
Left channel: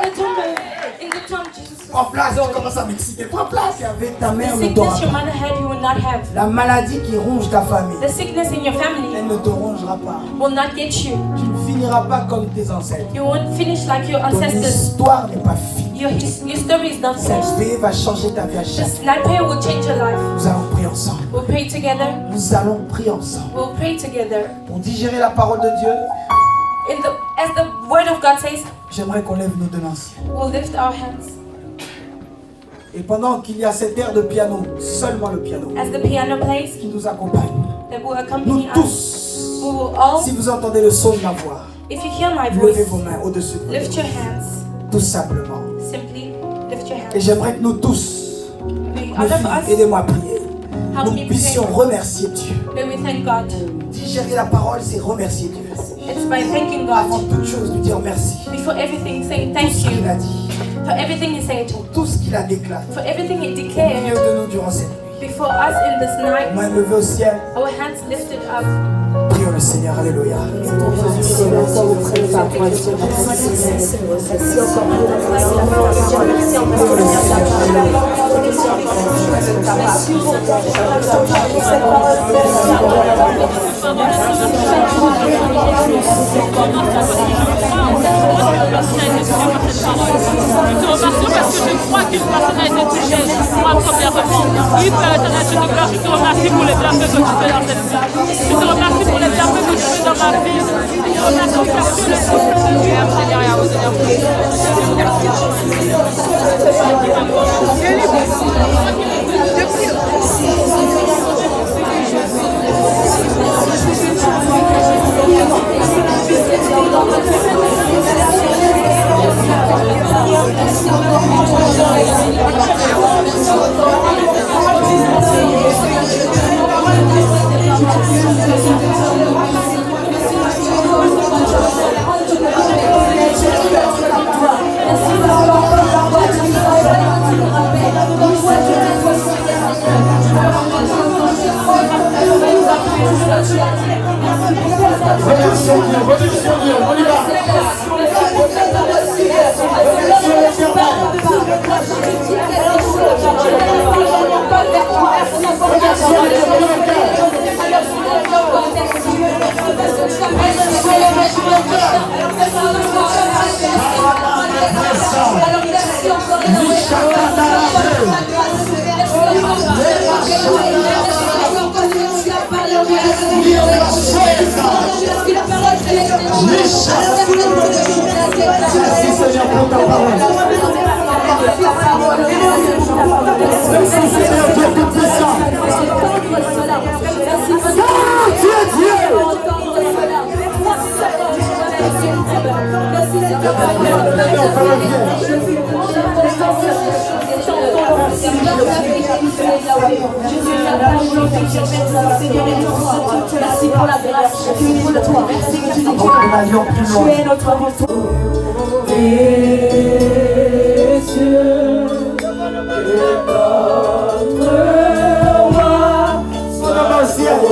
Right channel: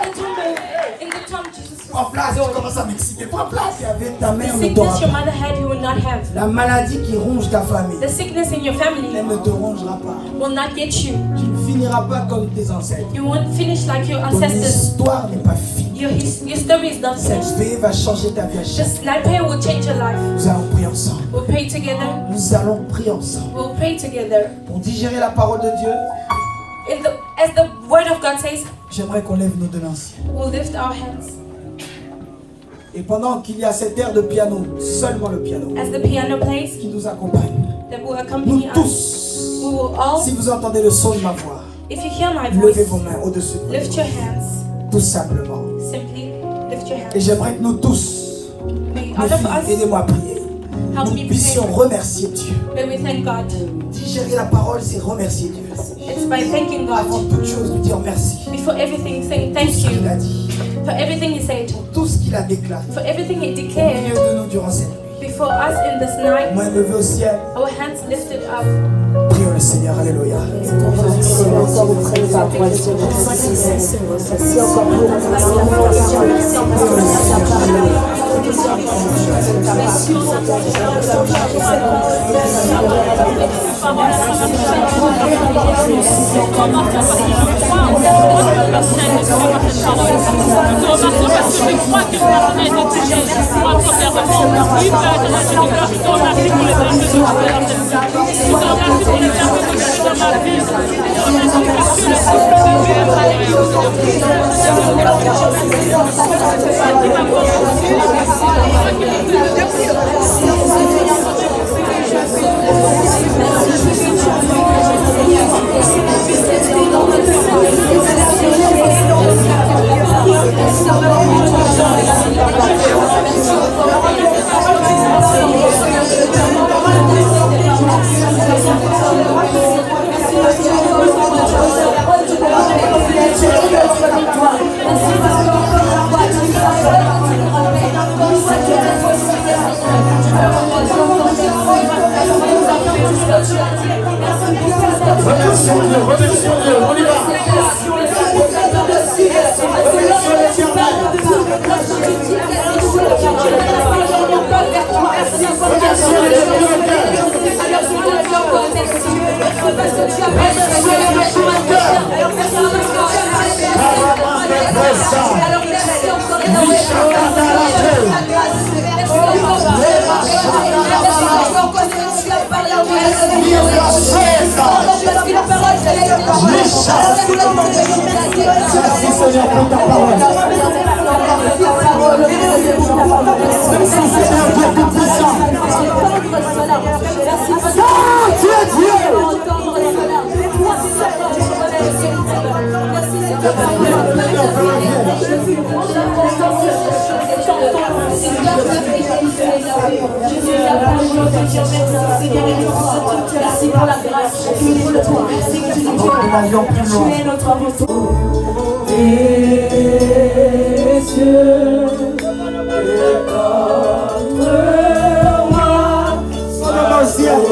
In the tomb, Jesus Prends place, tu commences à m'exciter. Prends place. Avec ta mère The ne t'aura sickness your pas. mother had, you will not have. La maladie qui ronge ta famille, The sickness in your family elle ne te rongera pas. will not get you. Tu ne finiras pas comme tes ancêtres. You won't finish like your Ton ancestors. histoire n'est pas finie. Your story is not Cette finished. veille va changer ta vie à The chaque fois. sniper will change your life. Nous allons prier ensemble. We'll pray together. Nous allons prier ensemble. We'll pray together. Pour digérer la parole de Dieu, As the word of God says, j'aimerais qu'on lève nos deux mains. we'll lift our hands. Et pendant qu'il y a cette air de piano, seulement le piano, As the piano plays, qui nous accompagne, that will nous accompany us. tous, We will all, si vous entendez le son de ma voix, if you hear my levez voice, vos mains au-dessus, lift your hands. tout simplement. Simply lift your Et hands. j'aimerais que nous tous, May mes all of filles, us, aidez-moi à prier, nous puissions remercier Dieu. may we thank God. Digérer la parole, c'est remercier Dieu. It's by thanking Avant God. toute chose, nous dire merci. Before everything, say Tout thank ce qu'il you. a dit, For everything He said. tout ce qu'il a déclaré, For everything He au milieu declared. de nous durant cette nuit. Before us in this night, Main levée au ciel, our hands lifted up. prions le Seigneur, alléluia. Je te remercie parce que je crois qu'une personne a été touchée. Moi, premièrement. Oui, frère, je te remercie pour les bienfaits que tu fais dans cette vie. Je te remercie pour les bienfaits que tu fais dans ma vie. Je te remercie pour tous les Son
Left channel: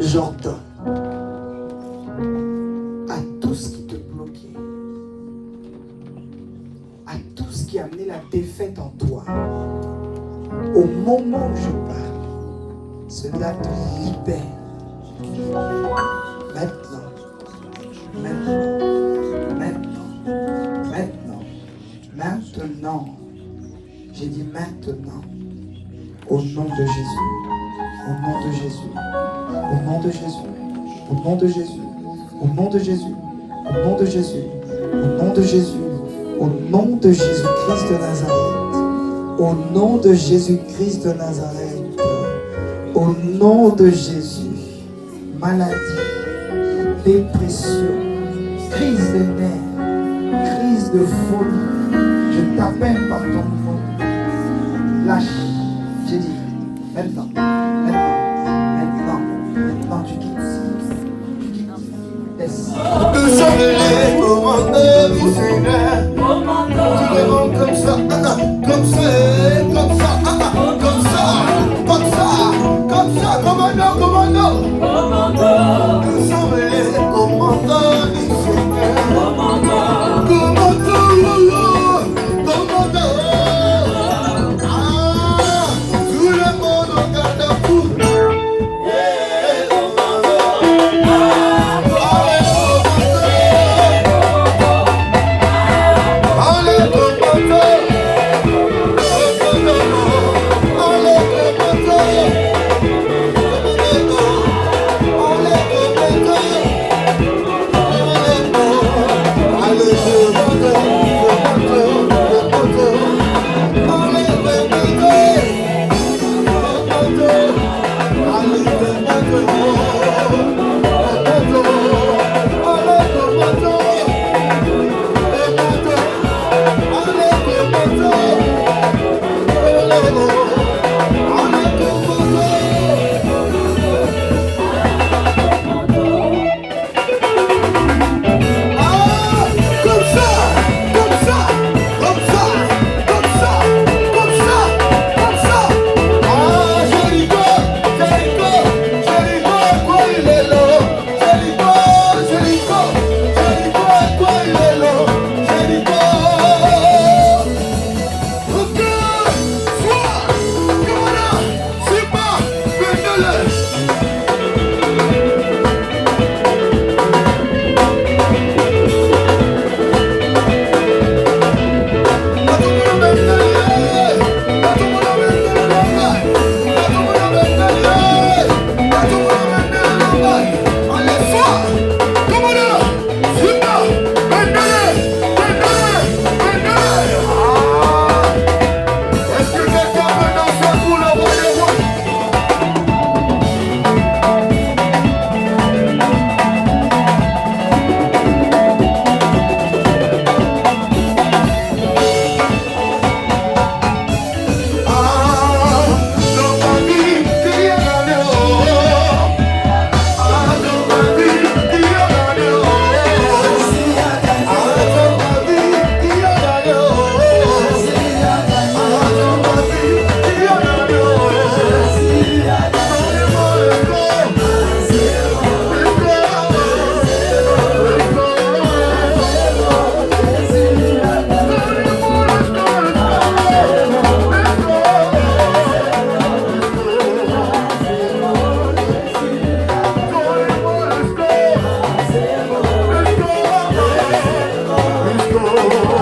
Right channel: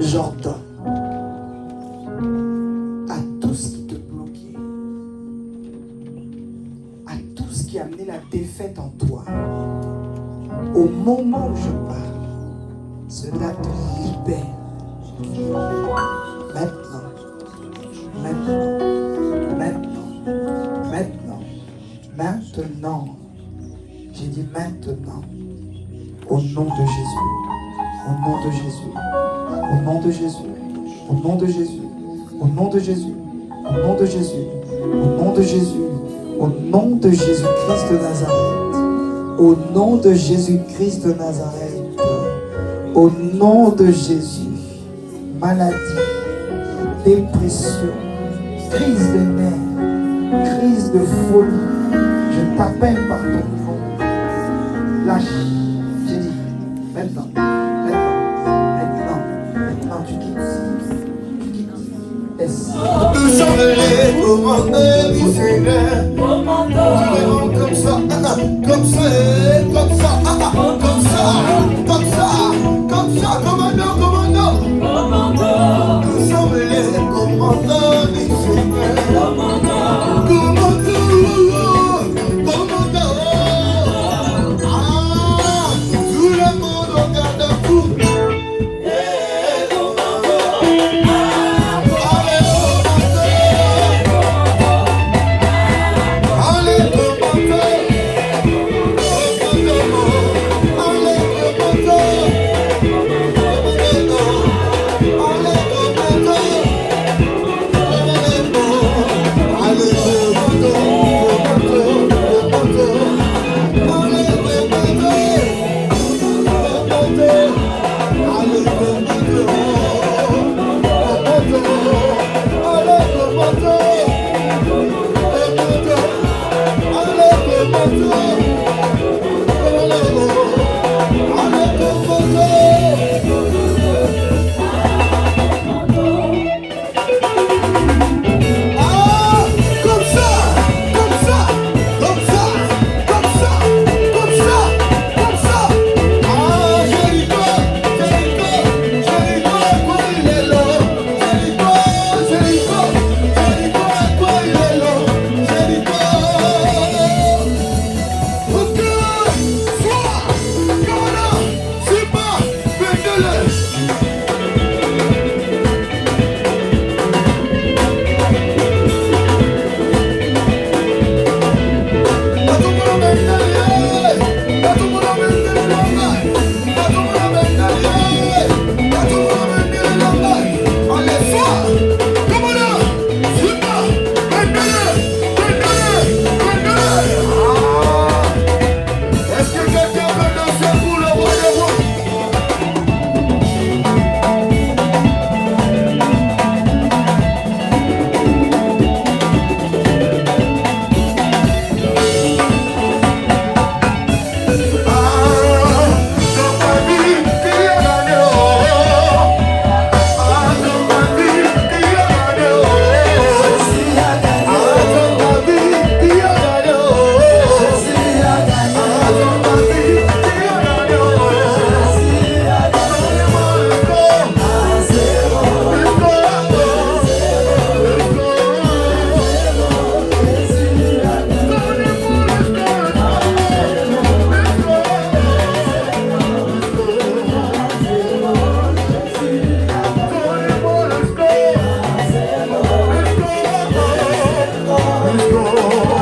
J'ordonne à tout ce qui te qui a amené la défaite en toi, au moment où je parle, cela te libère. Maintenant, maintenant, maintenant, maintenant, maintenant. J'ai dit maintenant. Au nom de Jésus. Au nom de Jésus. Au nom de Jésus. Au nom de Jésus. Au nom de Jésus. Au nom de Jésus. Au nom de Jésus. Au nom de Jésus-Christ de Nazareth. Au nom de Jésus-Christ de Nazareth. Au nom de Jésus. Maladie, dépression, crise de nerfs, crise de folie. Je t'appelle par ton nom. Lâche. J'ai dit, maintenant, maintenant, tu quittes. Tu quittes. Laisse. Comme ça, commandant. Nous sommes les commandants du Seigneur. Commandant. Tout le monde regarde à vous. Oh,